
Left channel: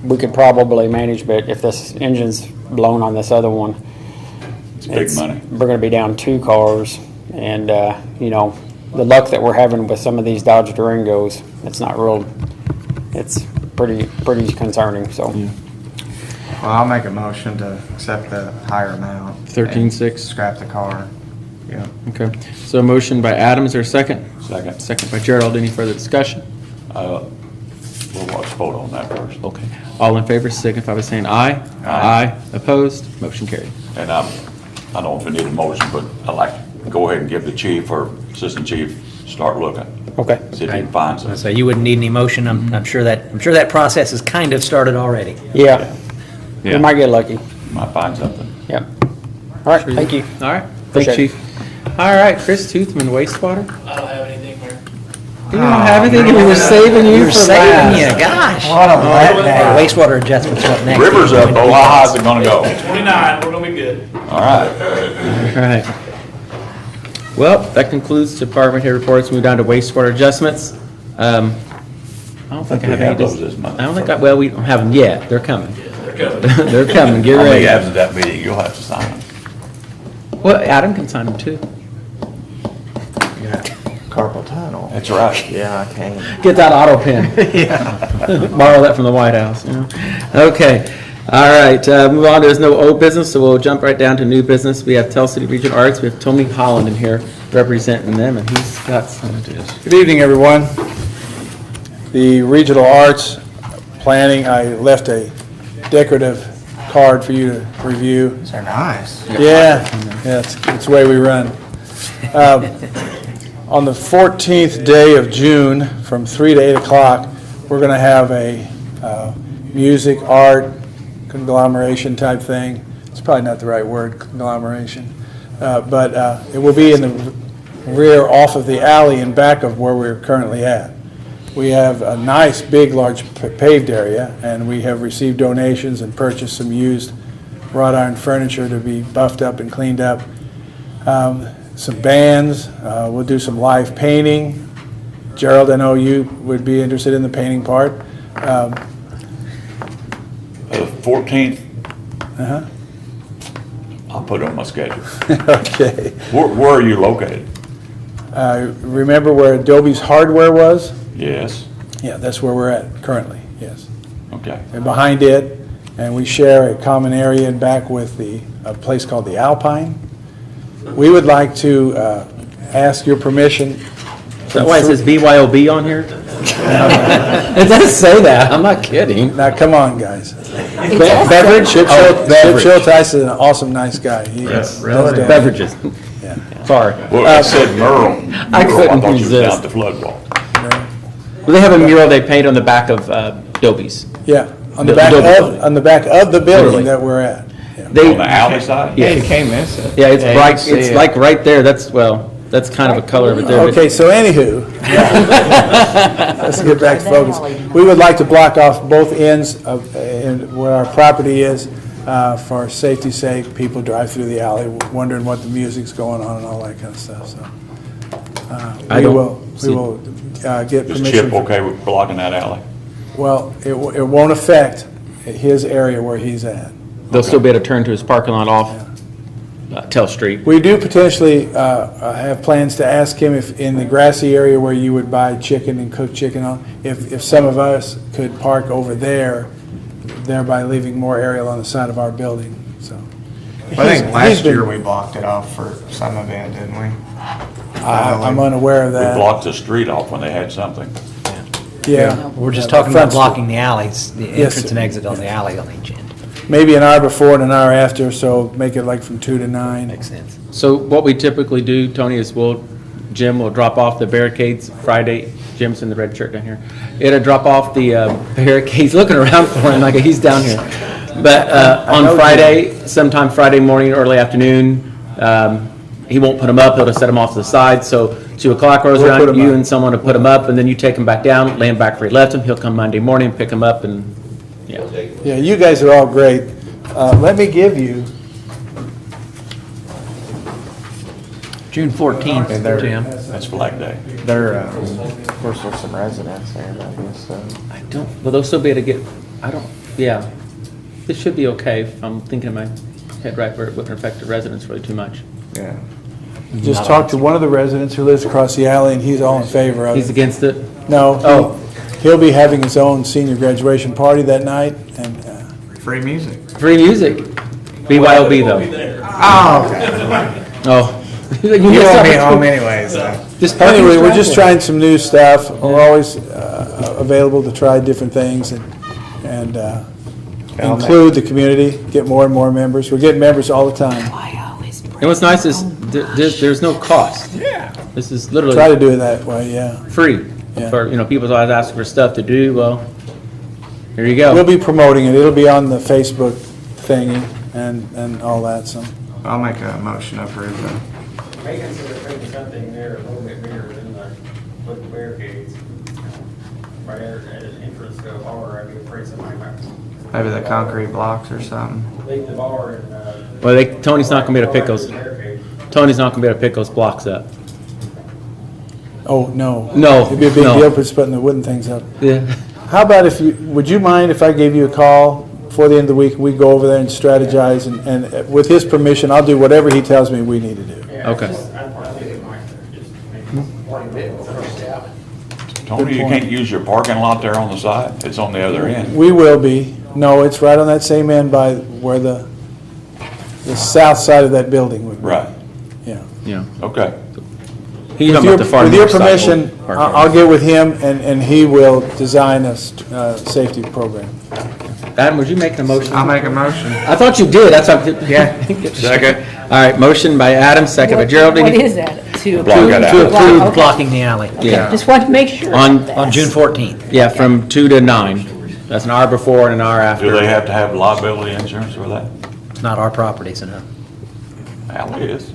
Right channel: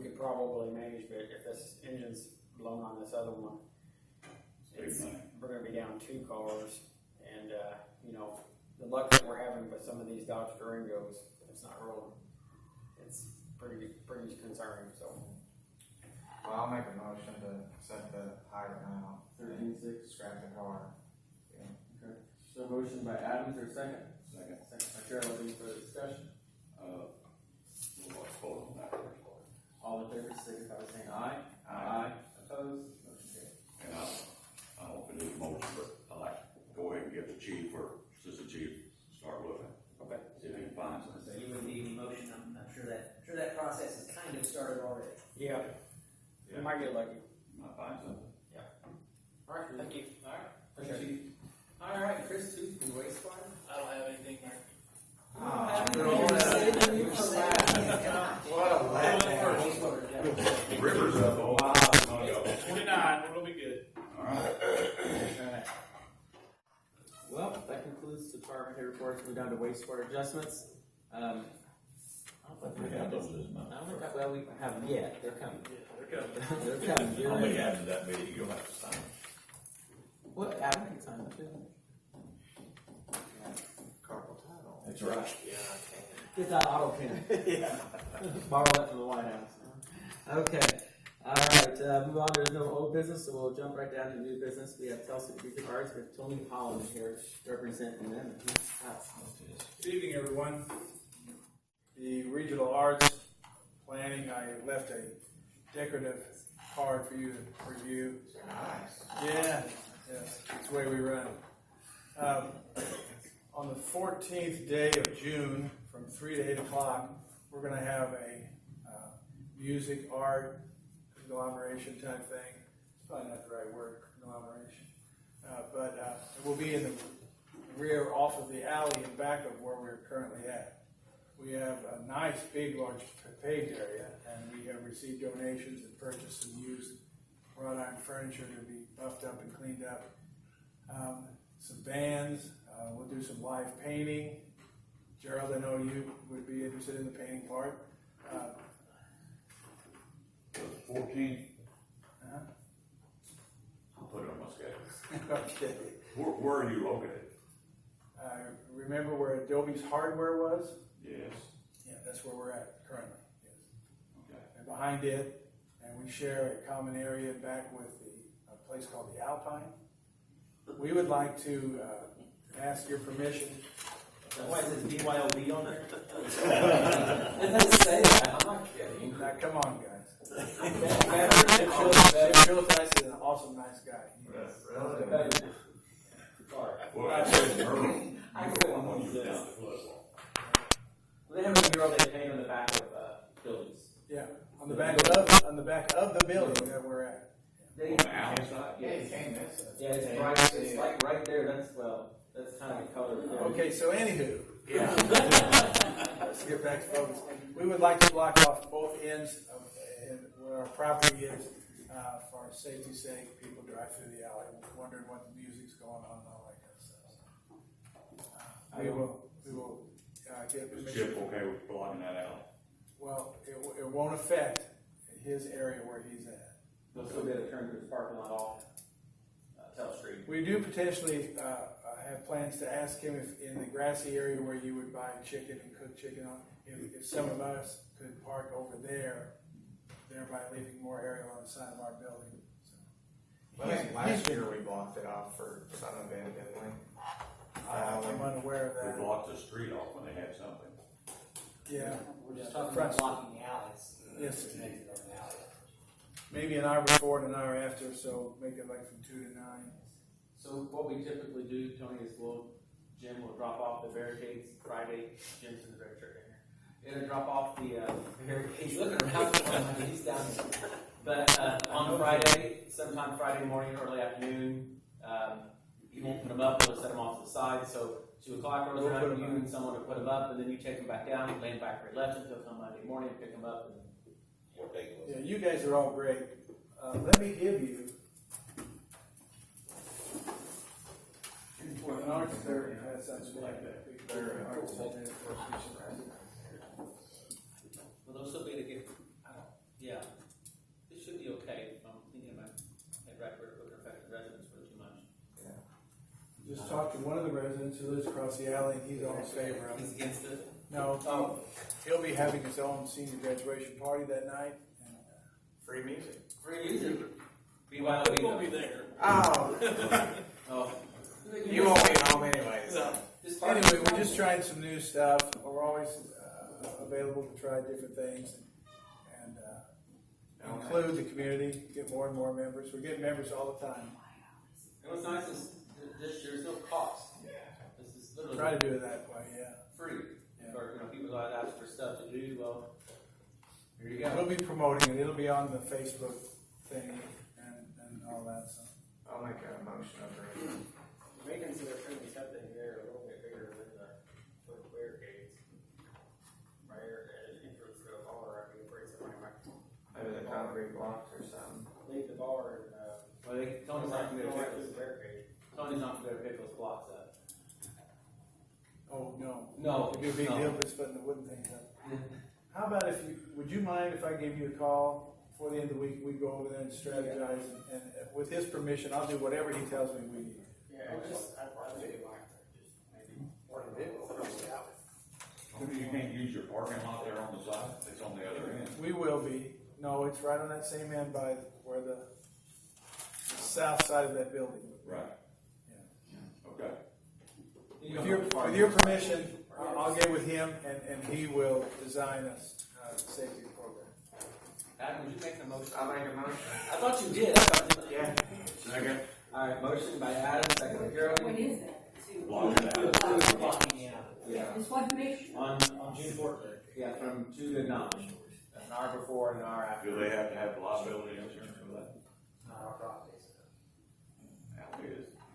we could probably manage, but if this engine's blown on this other one, It's big money. we're going to be down two cars, and the luck that we're having with some of these Dodge Durangos, it's not real. It's pretty concerning. So. Well, I'll make a motion to accept the higher amount. 13,600. Scrap the car. Yeah. Okay, so a motion by Adam, is there a second? Second. Second by Gerald, any further discussion? We'll watch vote on that first. Okay, all in favor signify by saying aye. Aye. Opposed, motion carried. And I don't know if we need a motion, but I'd like to go ahead and give the chief or assistant chief, start looking. Okay. See if he can find something. So you wouldn't need any motion. I'm sure that process has kind of started already. Yeah. Yeah. We might get lucky. Might find something. Yep. All right. Thank you. All right, Appreciate thanks, Chief. All right, Chris Toothman, wastewater? I don't have anything, Mayor. You don't have anything, we were saving you We were for saving last. you, gosh. What a letdown. Wastewater adjustments up next. River's up, oh, how high's it gonna go? 29, we're gonna be good. All right. All right. Well, that concludes department head reports. Move down to wastewater adjustments. I don't think I have We any. have those this month. I don't think, well, we don't have them yet. They're coming. They're coming, get How many ready. after that meeting, you'll have to sign them. Well, Adam can sign them too. Carpal tunnel. That's right. Yeah, I can. Get that auto pen. Borrow that from the White House, Okay, all right, move on, there's no old business, so we'll jump right down to new business. We have Tell City Regional Arts, we have Tony Holland in here representing them, and he's got some. Good evening, everyone. The Regional Arts Planning, I left a decorative card for you to review. They're nice. Yeah, it's the way we run. On the 14th day of June, from 3 to 8 o'clock, we're going to have a music, art, conglomeration type thing. It's probably not the right word, conglomeration. But it will be in the rear off of the alley and back of where we're currently at. We have a nice, big, large paved area, and we have received donations and purchased some used wrought iron furniture to be buffed up and cleaned up. Some bands, we'll do some live painting. Gerald, I know you would be interested in the painting part. The 14th, I'll put it on my schedule. Okay. Where are you located? Remember where Adobe's Hardware was? Yes. Yeah, that's where we're at currently, yes. Okay. And behind it, and we share a common area in back with a place called the Alpine. We would like to ask your permission. Is that why it says BYOB on here? It does say that, I'm not kidding. Now, come on, guys. Beverage? Chip Schulteis is an awesome, nice guy. He Yes, does that. beverages. Yeah. Sorry. Well, I said Merle. I couldn't thought you was resist. down at the flood wall. Well, they have a mural they paint on the back of Dobies. Yeah, on the The back Adobe of, building. on the back of the Literally. building that we're at. They, On the alley side? yeah, You can't miss it. yeah, it's you right, can see it's it. like right there, that's, well, That's kind of a color of it there. Okay, so anywho, let's get back to focus. We would like to block off both ends of, where our property is, for safety's sake. People drive through the alley wondering what the music's going on and all that kind of stuff, so. We will get Is permission. Chip okay with blocking that alley? Well, it won't affect his area where he's at. They'll still be able to turn to his parking lot off Tell Street. We do potentially have plans to ask him if in the grassy area where you would buy chicken and cook chicken on, if some of us could park over there, thereby leaving more area on the side of our building, so. I think He's last been- year we blocked it off for some event, didn't we? I'm unaware of We that. blocked the street off when they had something. Yeah. We're just The talking front about blocking the alleys, the Yes, entrance and exit on the alley on each end. Maybe an hour before and an hour after, so make it like from 2 to 9. Makes sense. So what we typically do, Tony, is Jim will drop off the barricades Friday. Jim's in the red shirt down here. It'll drop off the barricades, looking around for him like he's down here. But on Friday, sometime Friday morning, early afternoon, he won't put them up, he'll just set them off to the side. So 2 o'clock rolls We'll put around, 'em you up. and someone will put them up, and then you take them back down, lay them back where he left them. He'll come Monday morning, pick them up, and, yeah. Yeah, you guys are all great. Let me give you, June 14th, Jim. That's Flag Day. There, of course, there's some residents there, so. I don't, well, they'll still be able to get, yeah. This should be okay if I'm thinking in my head right where it wouldn't affect the residents really too much. Yeah. just talked to one of the residents who lives across the alley, and he's all in favor of it. He's against it? No. Oh. He'll be having his own senior graduation party that night, and Free music. Free music. BYOB though. Oh, okay. Oh. You won't be home anyways, though. anyway, we're just trying some new stuff. We're always available to try different things and include the community, get more and more members. We're getting members all the time. And what's nice is there's no cost. Yeah. This is literally Try to do it that way, yeah. free. Yeah. For, people always asking for stuff to do, well, here you go. We'll be promoting it. It'll be on the Facebook thingy and all that, so. I'll make a motion to approve that. May consider putting something there a little bit bigger than with the barricades. Right at an entrance to a bar, I'd be afraid somebody might. Maybe the concrete blocks or something. Leave the bar and, Well, Tony's not gonna be able to pick those. barricade. Tony's not gonna be able to pick those blocks up. Oh, no. No, It'd be a big no. deal for putting the wooden things up. Yeah. How about would you mind if I gave you a call before the end of the week, we go over there and strategize, and with his permission, I'll do whatever he tells me we need to do. Okay. Tony, you can't use your parking lot there on the side? It's on the other end. We will be. No, it's right on that same end by where the south side of that building would be. Right. Yeah. Yeah. Okay. He's talking about the far With your north side. permission, I'll get with him, and he will design a safety program. Adam, would you make a motion? I'll make a motion. I thought you did, that's what. Yeah. Second. All right, motion by Adam, second by Gerald. What is that? To Block approve? it out. To approve Okay. Blocking the alley. Yeah. Just want to make sure. On June 14th. Yeah, from 2 to 9. That's an hour before and an hour after. Do they have to have liability insurance for that? It's not our property, so no. Alley is.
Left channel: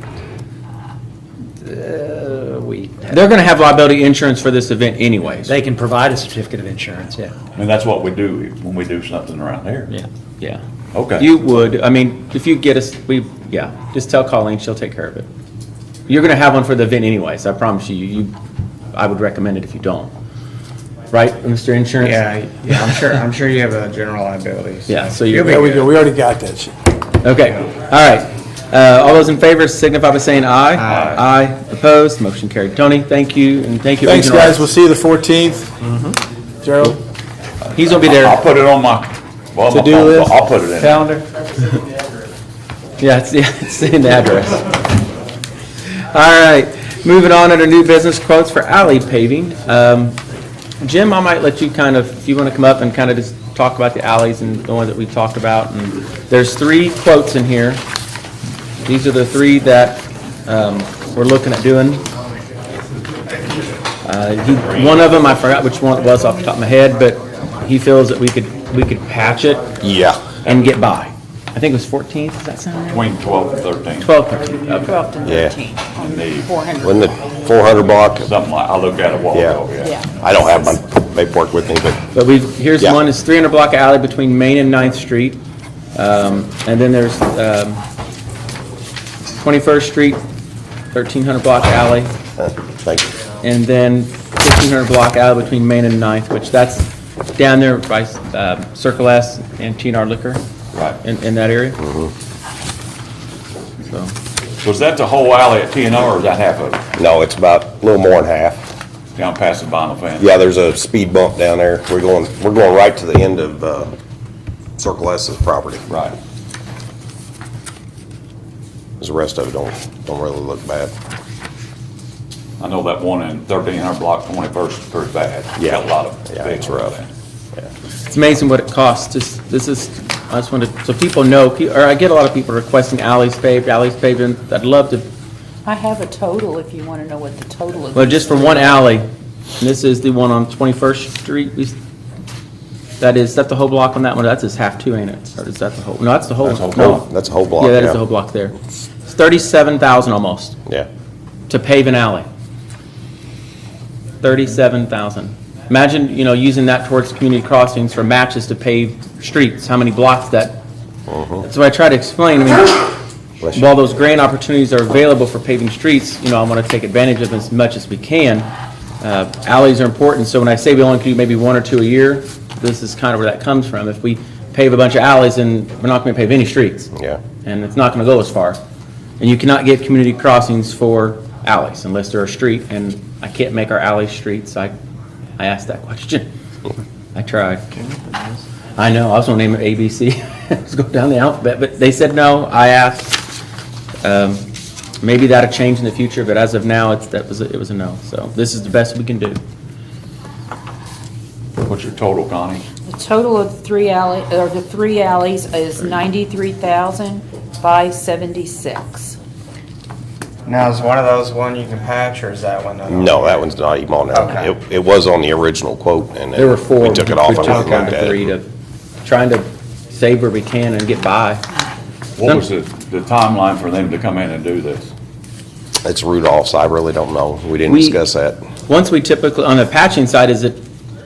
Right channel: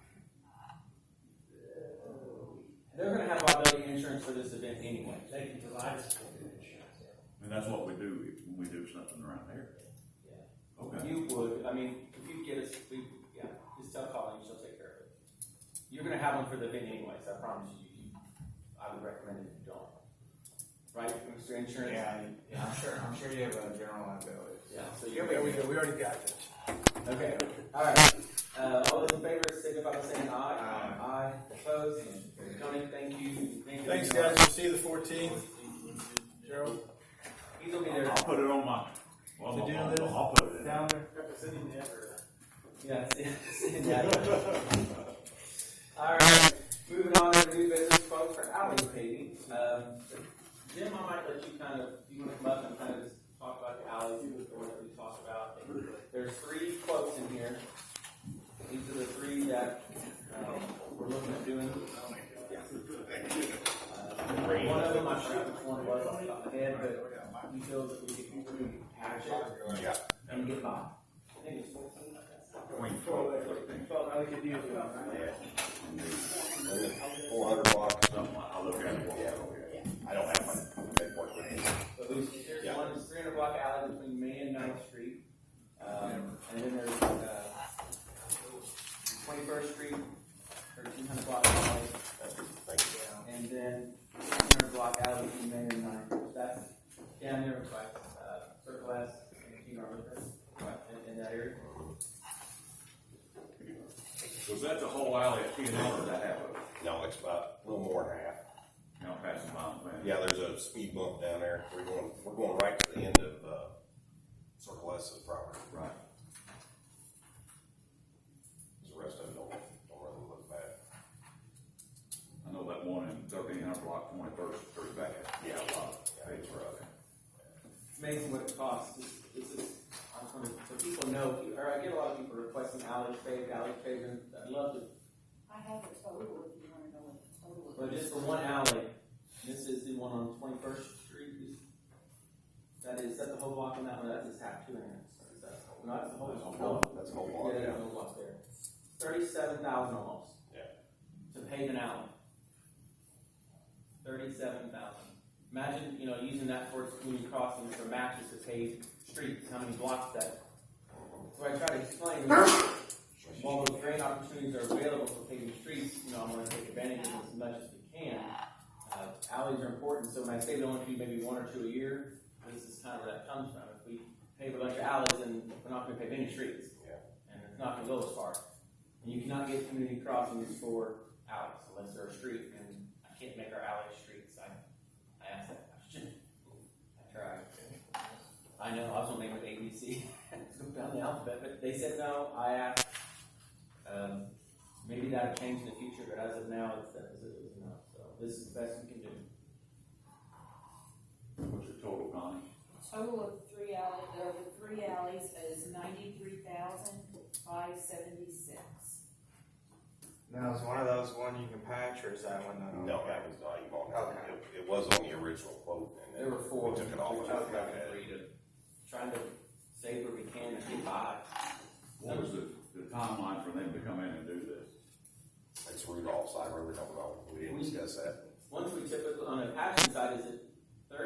They're gonna have liability insurance for this event anyways. They can provide a certificate of insurance, yeah. I mean, that's what we do when we do something around here. Yeah. Yeah. Okay. You would, I mean, if you get us, just tell Colleen, she'll take care of it. You're gonna have one for the event anyways, I promise you, I would recommend it if you don't. Right, Mr. Insurance? Yeah, I'm sure you have a general liability. Yeah, so you'll be There we good. go, we already got that shit. Okay, all right. All those in favor signify by saying aye. Aye. Aye, opposed, motion carried. Tony, thank you, and thank you. Thanks, Regional guys, we'll see you the 14th. Gerald? He's gonna be there. I'll put it on my To-do phone. list? I'll put it in. Calendar? Yeah, it's in the address. All right, moving on under new business quotes for alley paving. Jim, I might let you if you want to come up and kind of just talk about the alleys and the ones that we've talked about. And there's 3 quotes in here. These are the 3 that we're looking at doing. One of them, I forgot which one it was off the top of my head, but he feels that we could patch it Yeah. and get by. I think it was 14th, does that sound right? Between 12 and 13. 12, 13, okay. 12th and Yeah. 13th on The- 400. Wasn't it 400 block? Something like, I looked at it a while Yeah. ago, yeah. Yeah. I don't have my paperwork with me, but But here's Yeah. one, it's 300 block alley between Main and 9th Street. And then there's 21st Street, 1300 block alley. thank you. And then 1500 block alley between Main and 9th, which that's down there by Circle S and TNR Liquor. Right. In that area. So, Was that the whole alley at TNR, or is that half of it, No, it's about a little more than half. down past the vinyl fence? Yeah, there's a speed bump down there. We're going right to the end of Circle S's property. Right. 'Cause the rest of it don't really look bad. I know that one in 1300 block 21st is pretty bad. Yeah. Got a lot of Yeah, big it's rough. there. it's amazing what it costs. I just wanted, so people know, or I get a lot of people requesting alleys paved, and I'd love to, I have a total if you want to know what the total is. well, just for one alley, and this is the one on 21st Street. That the whole block on that one? That's just half two, ain't it? Or is that the whole? No, that's the whole. That's the whole no. block. That's a whole block, Yeah, that is yeah. the whole block there. It's 37,000 almost Yeah. to pave an alley. 37,000. Imagine, using that towards community crossings for matches to pave streets, how many blocks that. That's what I try to explain. Bless you. While those grant opportunities are available for paving streets, I want to take advantage of them as much as we can. Alleys are important, so when I say we only do maybe one or two a year, this is kind of where that comes from. If we pave a bunch of alleys, then we're not going to pave any streets. Yeah. And it's not going to go as far. And you cannot get community crossings for alleys unless they're a street, and I can't make our alleys streets. I asked that question. I tried. I know, I was going to name it ABC. Let's go down the alphabet, but they said no. I asked. Maybe that'll change in the future, but as of now, it was a no. So this is the best we can do. What's your total, Connie? The total of the three alleys is 93,576. Now, is one of those one you can patch, or is that one? No, that one's not even on there. Okay. It was on the original quote, and There were then four. we took it off We and took looked down at to three it. to trying to save where we can and get by. What was the timeline for them to come in and do this? It's Rudolph's. I really don't know. We didn't discuss that. Once we typically, on the patching side, is it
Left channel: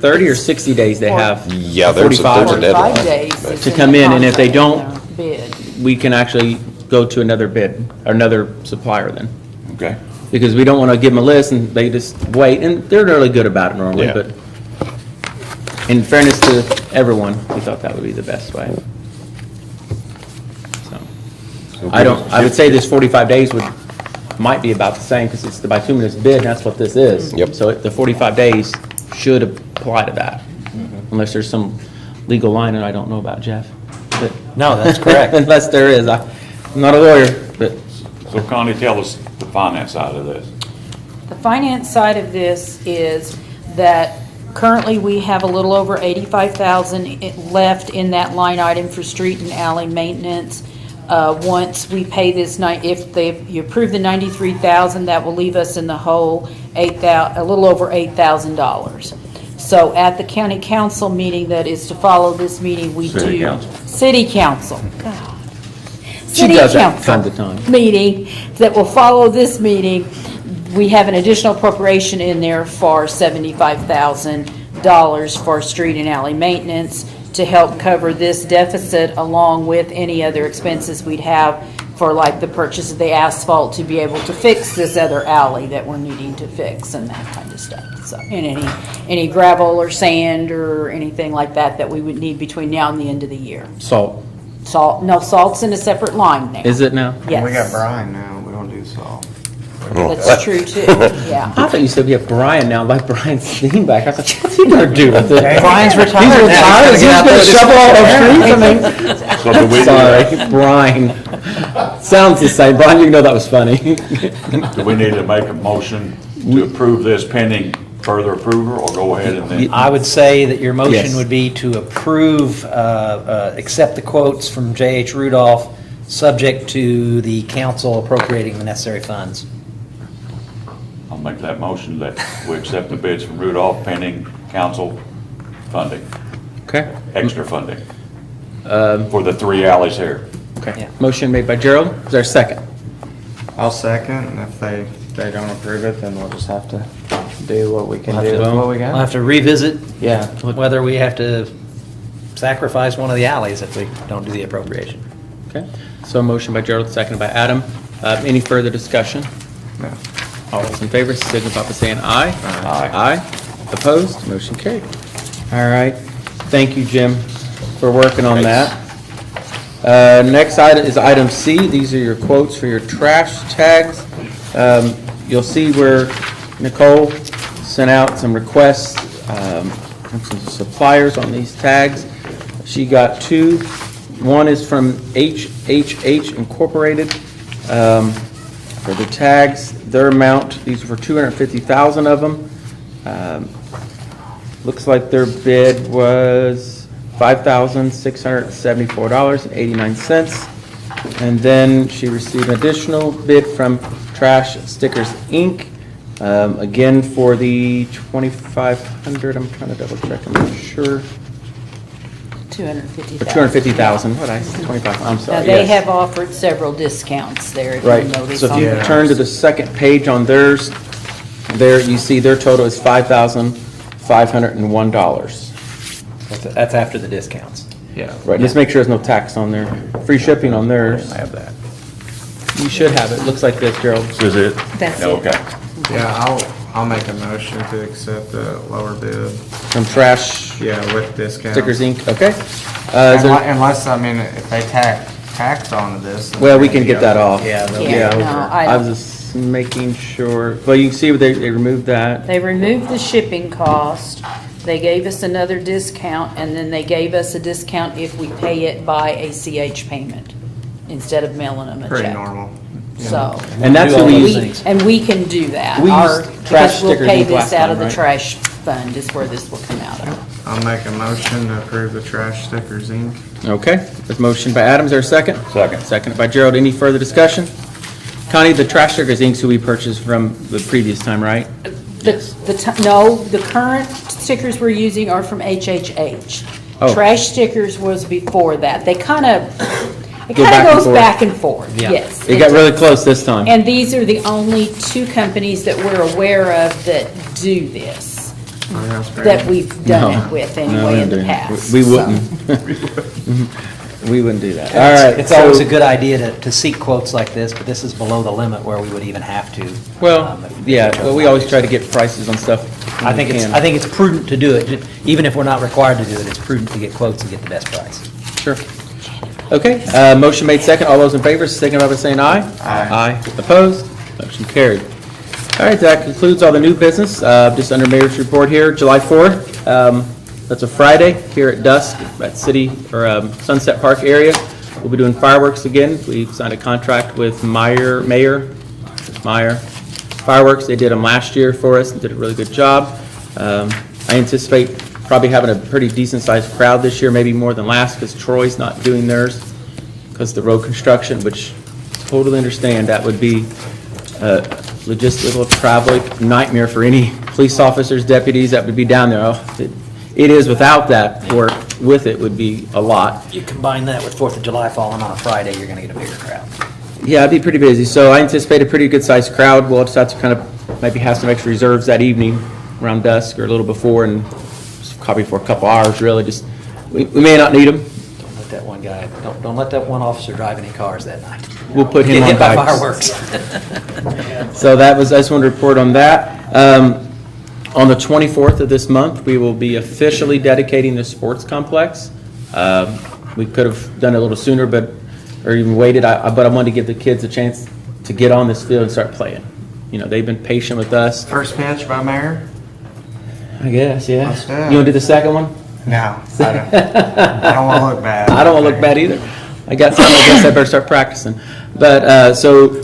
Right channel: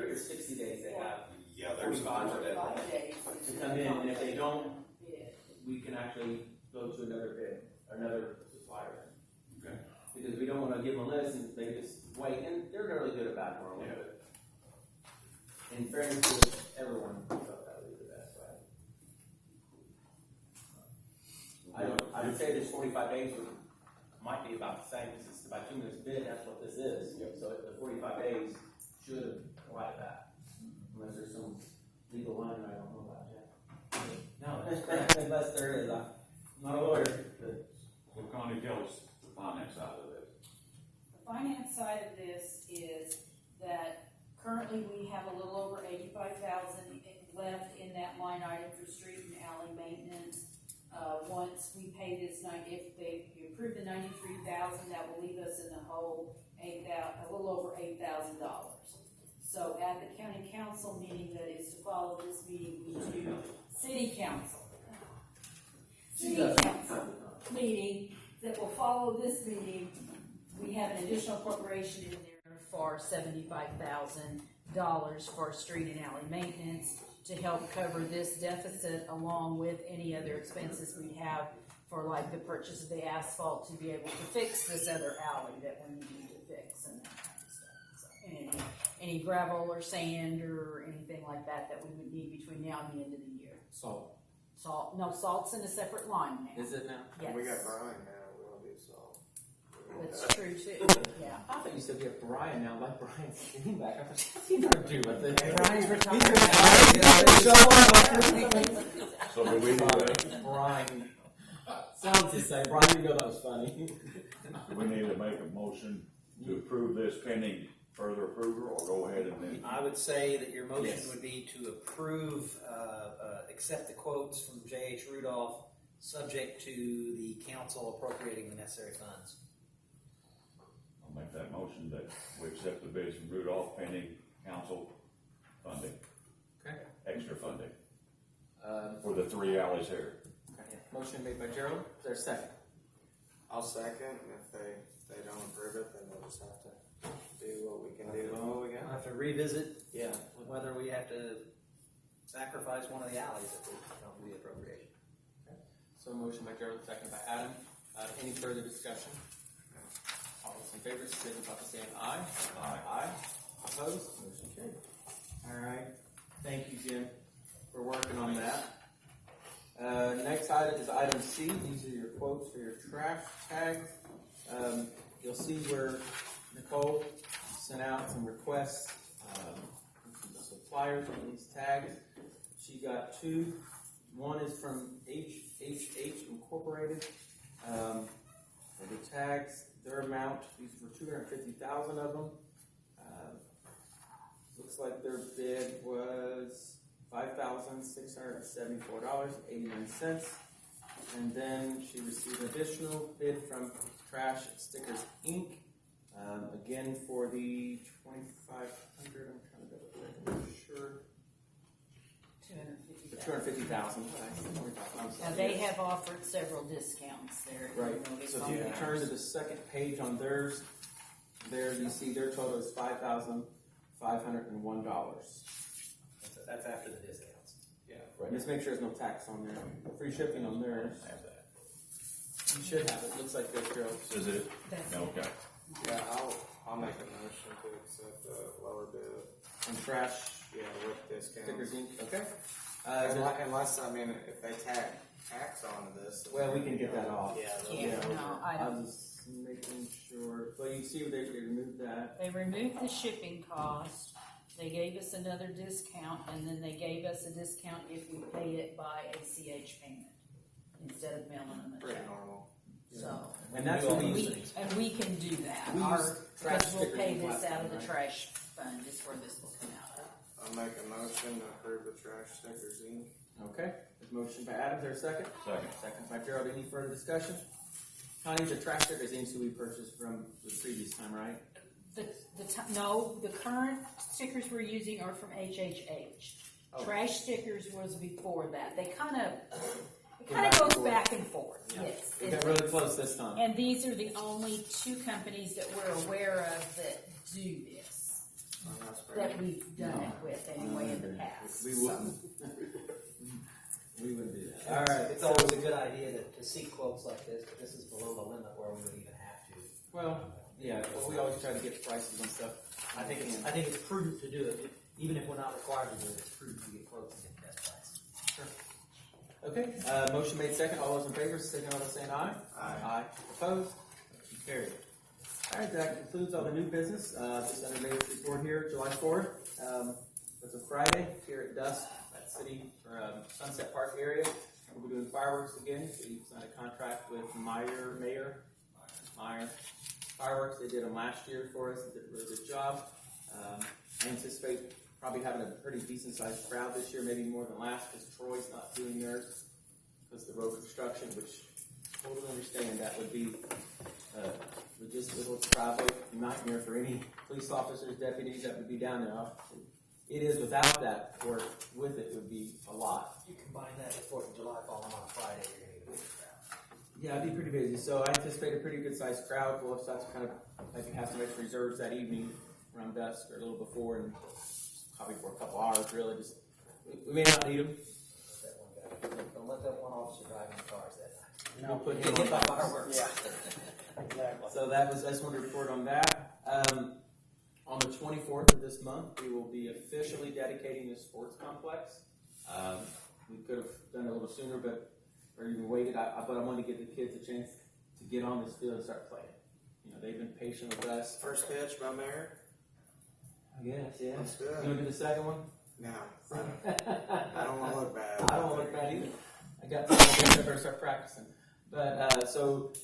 30 or 60 days they have? Yeah, there's a 45 deadline. 45 days. but- is To in come the in, and if they contract, don't- bid. We can actually go to another bid, or another supplier then. Okay. Because we don't want to give them a list and they just wait, and they're really good about it normally, Yeah. but in fairness to everyone, we thought that would be the best way. So, I would say this 45 days might be about the same, because it's the bituminous bid, and that's what this is. Yep. So the 45 days should apply to that, unless there's some legal line that I don't know about, Jeff. But- No, that's correct. Unless there is. I'm not a lawyer, but So Connie, tell us the finance side of this. The finance side of this is that currently we have a little over 85,000 left in that line item for street and alley maintenance. Once we pay this, if you approve the 93,000, that will leave us in the hole a little over $8,000. So at the county council meeting that is to follow this meeting, we do. City council. City council. God. She City does that council time to time. meeting that will follow this meeting. We have an additional appropriation in there for $75,000 for street and alley maintenance to help cover this deficit, along with any other expenses we'd have for like the purchase of the asphalt to be able to fix this other alley that we're needing to fix and that kind of stuff. So, and any gravel or sand or anything like that that we would need between now and the end of the year. salt. Salt's in a separate line now. Is it now? Yes. We got brine now, we don't do salt. That's true too, yeah. I thought you said we have Brian now, like Brian Steenbeck. I thought, what's he gonna do with it? Brian's He's retired now. retired, he's gonna shovel all those trees, I So do we, mean. Sorry, Brian. Sounds the same. Brian, you know that was funny. do we need to make a motion to approve this pending further approval, or go ahead and then? I would say that your motion Yes. would be to approve, accept the quotes from J.H. Rudolph, subject to the council appropriating the necessary funds. I'll make that motion that we accept the bids from Rudolph pending council funding, Okay. extra funding. for the 3 alleys here. Okay. Motion made by Gerald. Is there a second? I'll second, and if they don't approve it, then we'll just have to do what we can We'll do have with to- what we We'll got. have to revisit Yeah. whether we have to sacrifice one of the alleys if we don't do the appropriation. Okay. So a motion by Gerald, seconded by Adam. Any further discussion? No. All those in favor, signify by saying aye. Aye. Opposed? Motion carried. All right. Thank you, Jim, for working on that. Next item is item C. These are your quotes for your trash tags. You'll see where Nicole sent out some requests from some suppliers on these tags. She got 2. One is from HHH Incorporated for the tags. Their amount, these were 250,000 of them. Looks like their bid was $5,674.89. And then she received an additional bid from Trash Stickers, Inc., again for the 2,500, I'm trying to double check, I'm not sure. 250,000. 250,000, what I, 25, I'm Now, sorry, they yes. have offered several discounts there, if you Right, notice so if on you there. turn to the second page on theirs, there you see their total is $5,501. That's after the discounts. Yeah. Right, just make sure there's no tax on there. Free shipping on theirs. I have that. You should have it, looks like this, Gerald. This is it? That's it. Okay. Yeah, I'll make a motion to accept the lower bid. From Trash Yeah, with discount. Stickers, Inc., okay? Is there- Unless, I mean, if they tax onto this. then Well, we can maybe get that off. Yeah, no, I was just making sure, well, you can see where they removed that. They removed the shipping cost, they gave us another discount, and then they gave us a discount if we pay it by ACH payment, instead of mailing them a check. Pretty normal. So. And that's what we use. And we can do that. We Our- used Trash because we'll Stickers pay Inc. last this out of time, the right? trash fund is where this will come out of. I'll make a motion to approve the Trash Stickers, Inc. Okay, there's a motion by Adams, there a second? Second. Seconded by Gerald, any further discussion? Connie, the Trash Stickers Inc., who we purchased from the previous time, right? No, the current stickers we're using are from HHH. Oh. Trash Stickers was before that. It kind of Go back and goes forth. back and forth, Yeah. yes. It got really close this time. And these are the only 2 companies that we're aware of that do this, that we've done No. it with No, anyway in the we past. We so. wouldn't. We wouldn't do that. All right. It's always a so- good idea to seek quotes like this, but this is below the limit where we would even have to. Well, if yeah, chose well, we not always to. try to get prices on stuff. when I we think can. I think it's prudent to do it, even if we're not required to do it, it's prudent to get quotes and get the best price. Sure. Okay, motion made second. All those in favor, signify by saying aye. Aye. Opposed? Motion carried. All right, that concludes all the new business. Just under mayor's report here, July 4th. That's a Friday here at dusk at City or Sunset Park area. We'll be doing fireworks again. We've signed a contract with Meyer Fireworks. They did them last year for us and did a really good job. I anticipate probably having a pretty decent-sized crowd this year, maybe more than last, because Troy's not doing theirs because of the road construction, which totally understand that would be a logistical, travel nightmare for any police officers, deputies that would be down there. Oh, it is without that work, with it would be a lot. You combine that with 4th of July falling on a Friday, you're going to get a bigger crowd. Yeah, it'd be pretty busy, so I anticipate a pretty good-sized crowd. We'll just have to kind of maybe have some extra reserves that evening around dusk or a little before, and just probably for a couple hours, really. Just we may not need them. Don't let that one guy, don't let that one officer drive any cars that night. We'll put him Get on hit by bikes. fireworks. So that was, I just wanted to report on that. On the 24th of this month, we will be officially dedicating the sports complex. We could have done it a little sooner, or even waited, but I wanted to give the kids a chance to get on this field and start playing. You know, they've been patient with us. First pitch by Mayor? I guess, yeah. Let's do it. You want to do the second one? No, I don't want to look bad. I don't want to look bad either. I got something, I guess I better start practicing. But, so,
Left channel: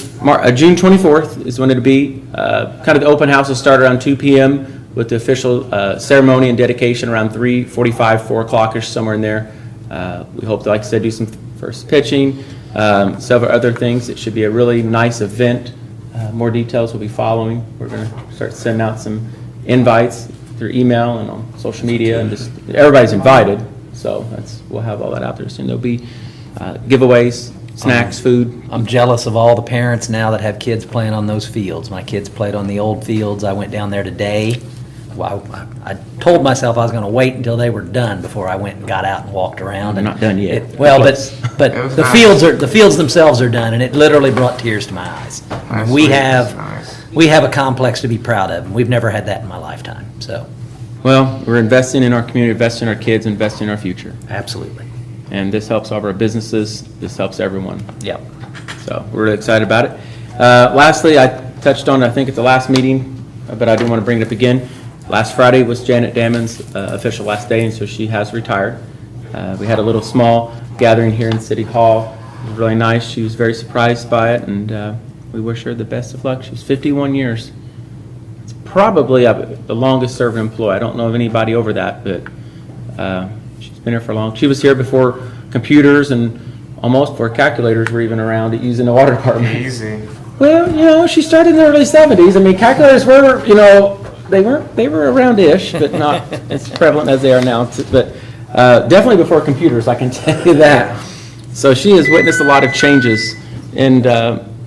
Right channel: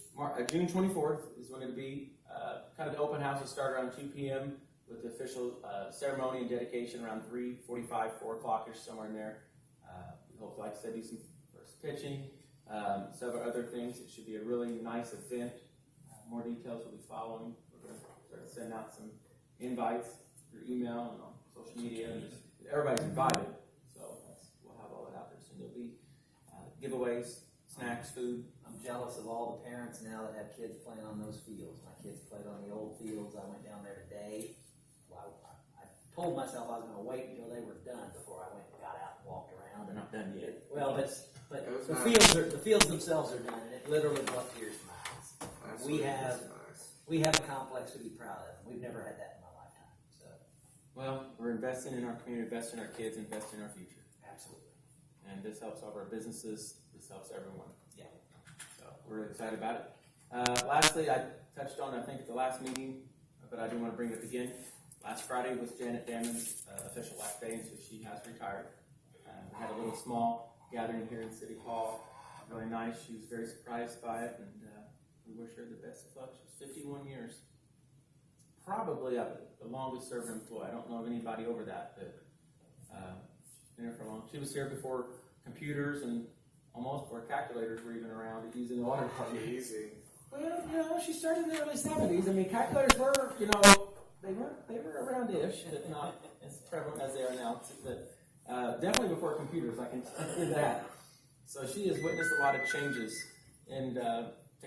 June 24th is when it'll be. Kind of the open house will start around 2 p.m. with the official ceremony and dedication around 3:45, 4 o'clock-ish, somewhere in there. We hope to, like I said, do some first pitching, several other things. It should be a really nice event. More details will be following. We're going to start sending out some invites through email and on social media, and just, everybody's invited. So we'll have all that out there soon. There'll be giveaways, snacks, food. I'm jealous of all the parents now that have kids playing on those fields. My kids played on the old fields. I went down there today. Well, I told myself I was going to wait until they were done before I went and got out and walked around. They're not done yet. Well, Close. but It was the nice. fields themselves are done, and it literally brought tears to my eyes. Nice We week. have, Nice. we have a complex to be proud of, and we've never had that in my lifetime, so, Well, we're investing in our community, investing in our kids, investing in our future. absolutely. And this helps all of our businesses. This helps everyone. Yep. So we're really excited about it. Lastly, I touched on, I think at the last meeting, but I do want to bring it up again. Last Friday was Janet Damon's official last day, and so she has retired. We had a little small gathering here in City Hall. It was really nice. She was very surprised by it, and we wish her the best of luck. She was 51 years. It's probably the longest serving employee. I don't know of anybody over that, but she's been here for long. She was here before computers and almost before calculators were even around using the water department. Easy. Well, she started in the early 70s. I mean, calculators were, they were around-ish, but not as prevalent as they are now. But definitely before computers, I can tell you that. So she has witnessed a lot of changes in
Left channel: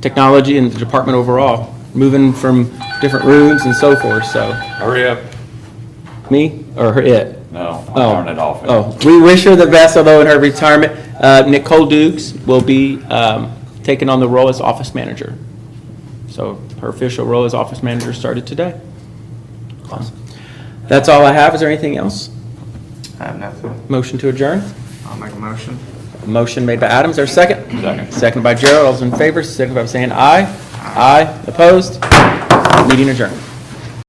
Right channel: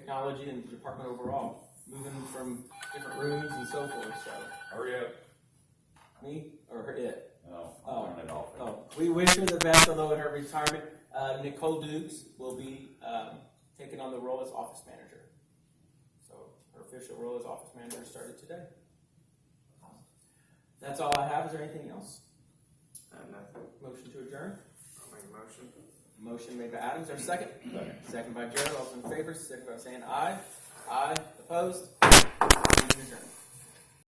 technology and the department overall, moving from different rooms and so forth, so. Hurry up. Me or it? No, I'll turn it off. Oh, we wish her the best, although in her retirement, Nicole Dukes will be taking on the role as office manager. So her official role as office manager started today. That's all I have. Is there anything else? I have nothing. Motion to adjourn? I'll make a motion. Motion made by Adam. Is there a second? Second. Second by Gerald. All those in favor, signify by saying aye. Aye. Opposed? Meeting adjourned.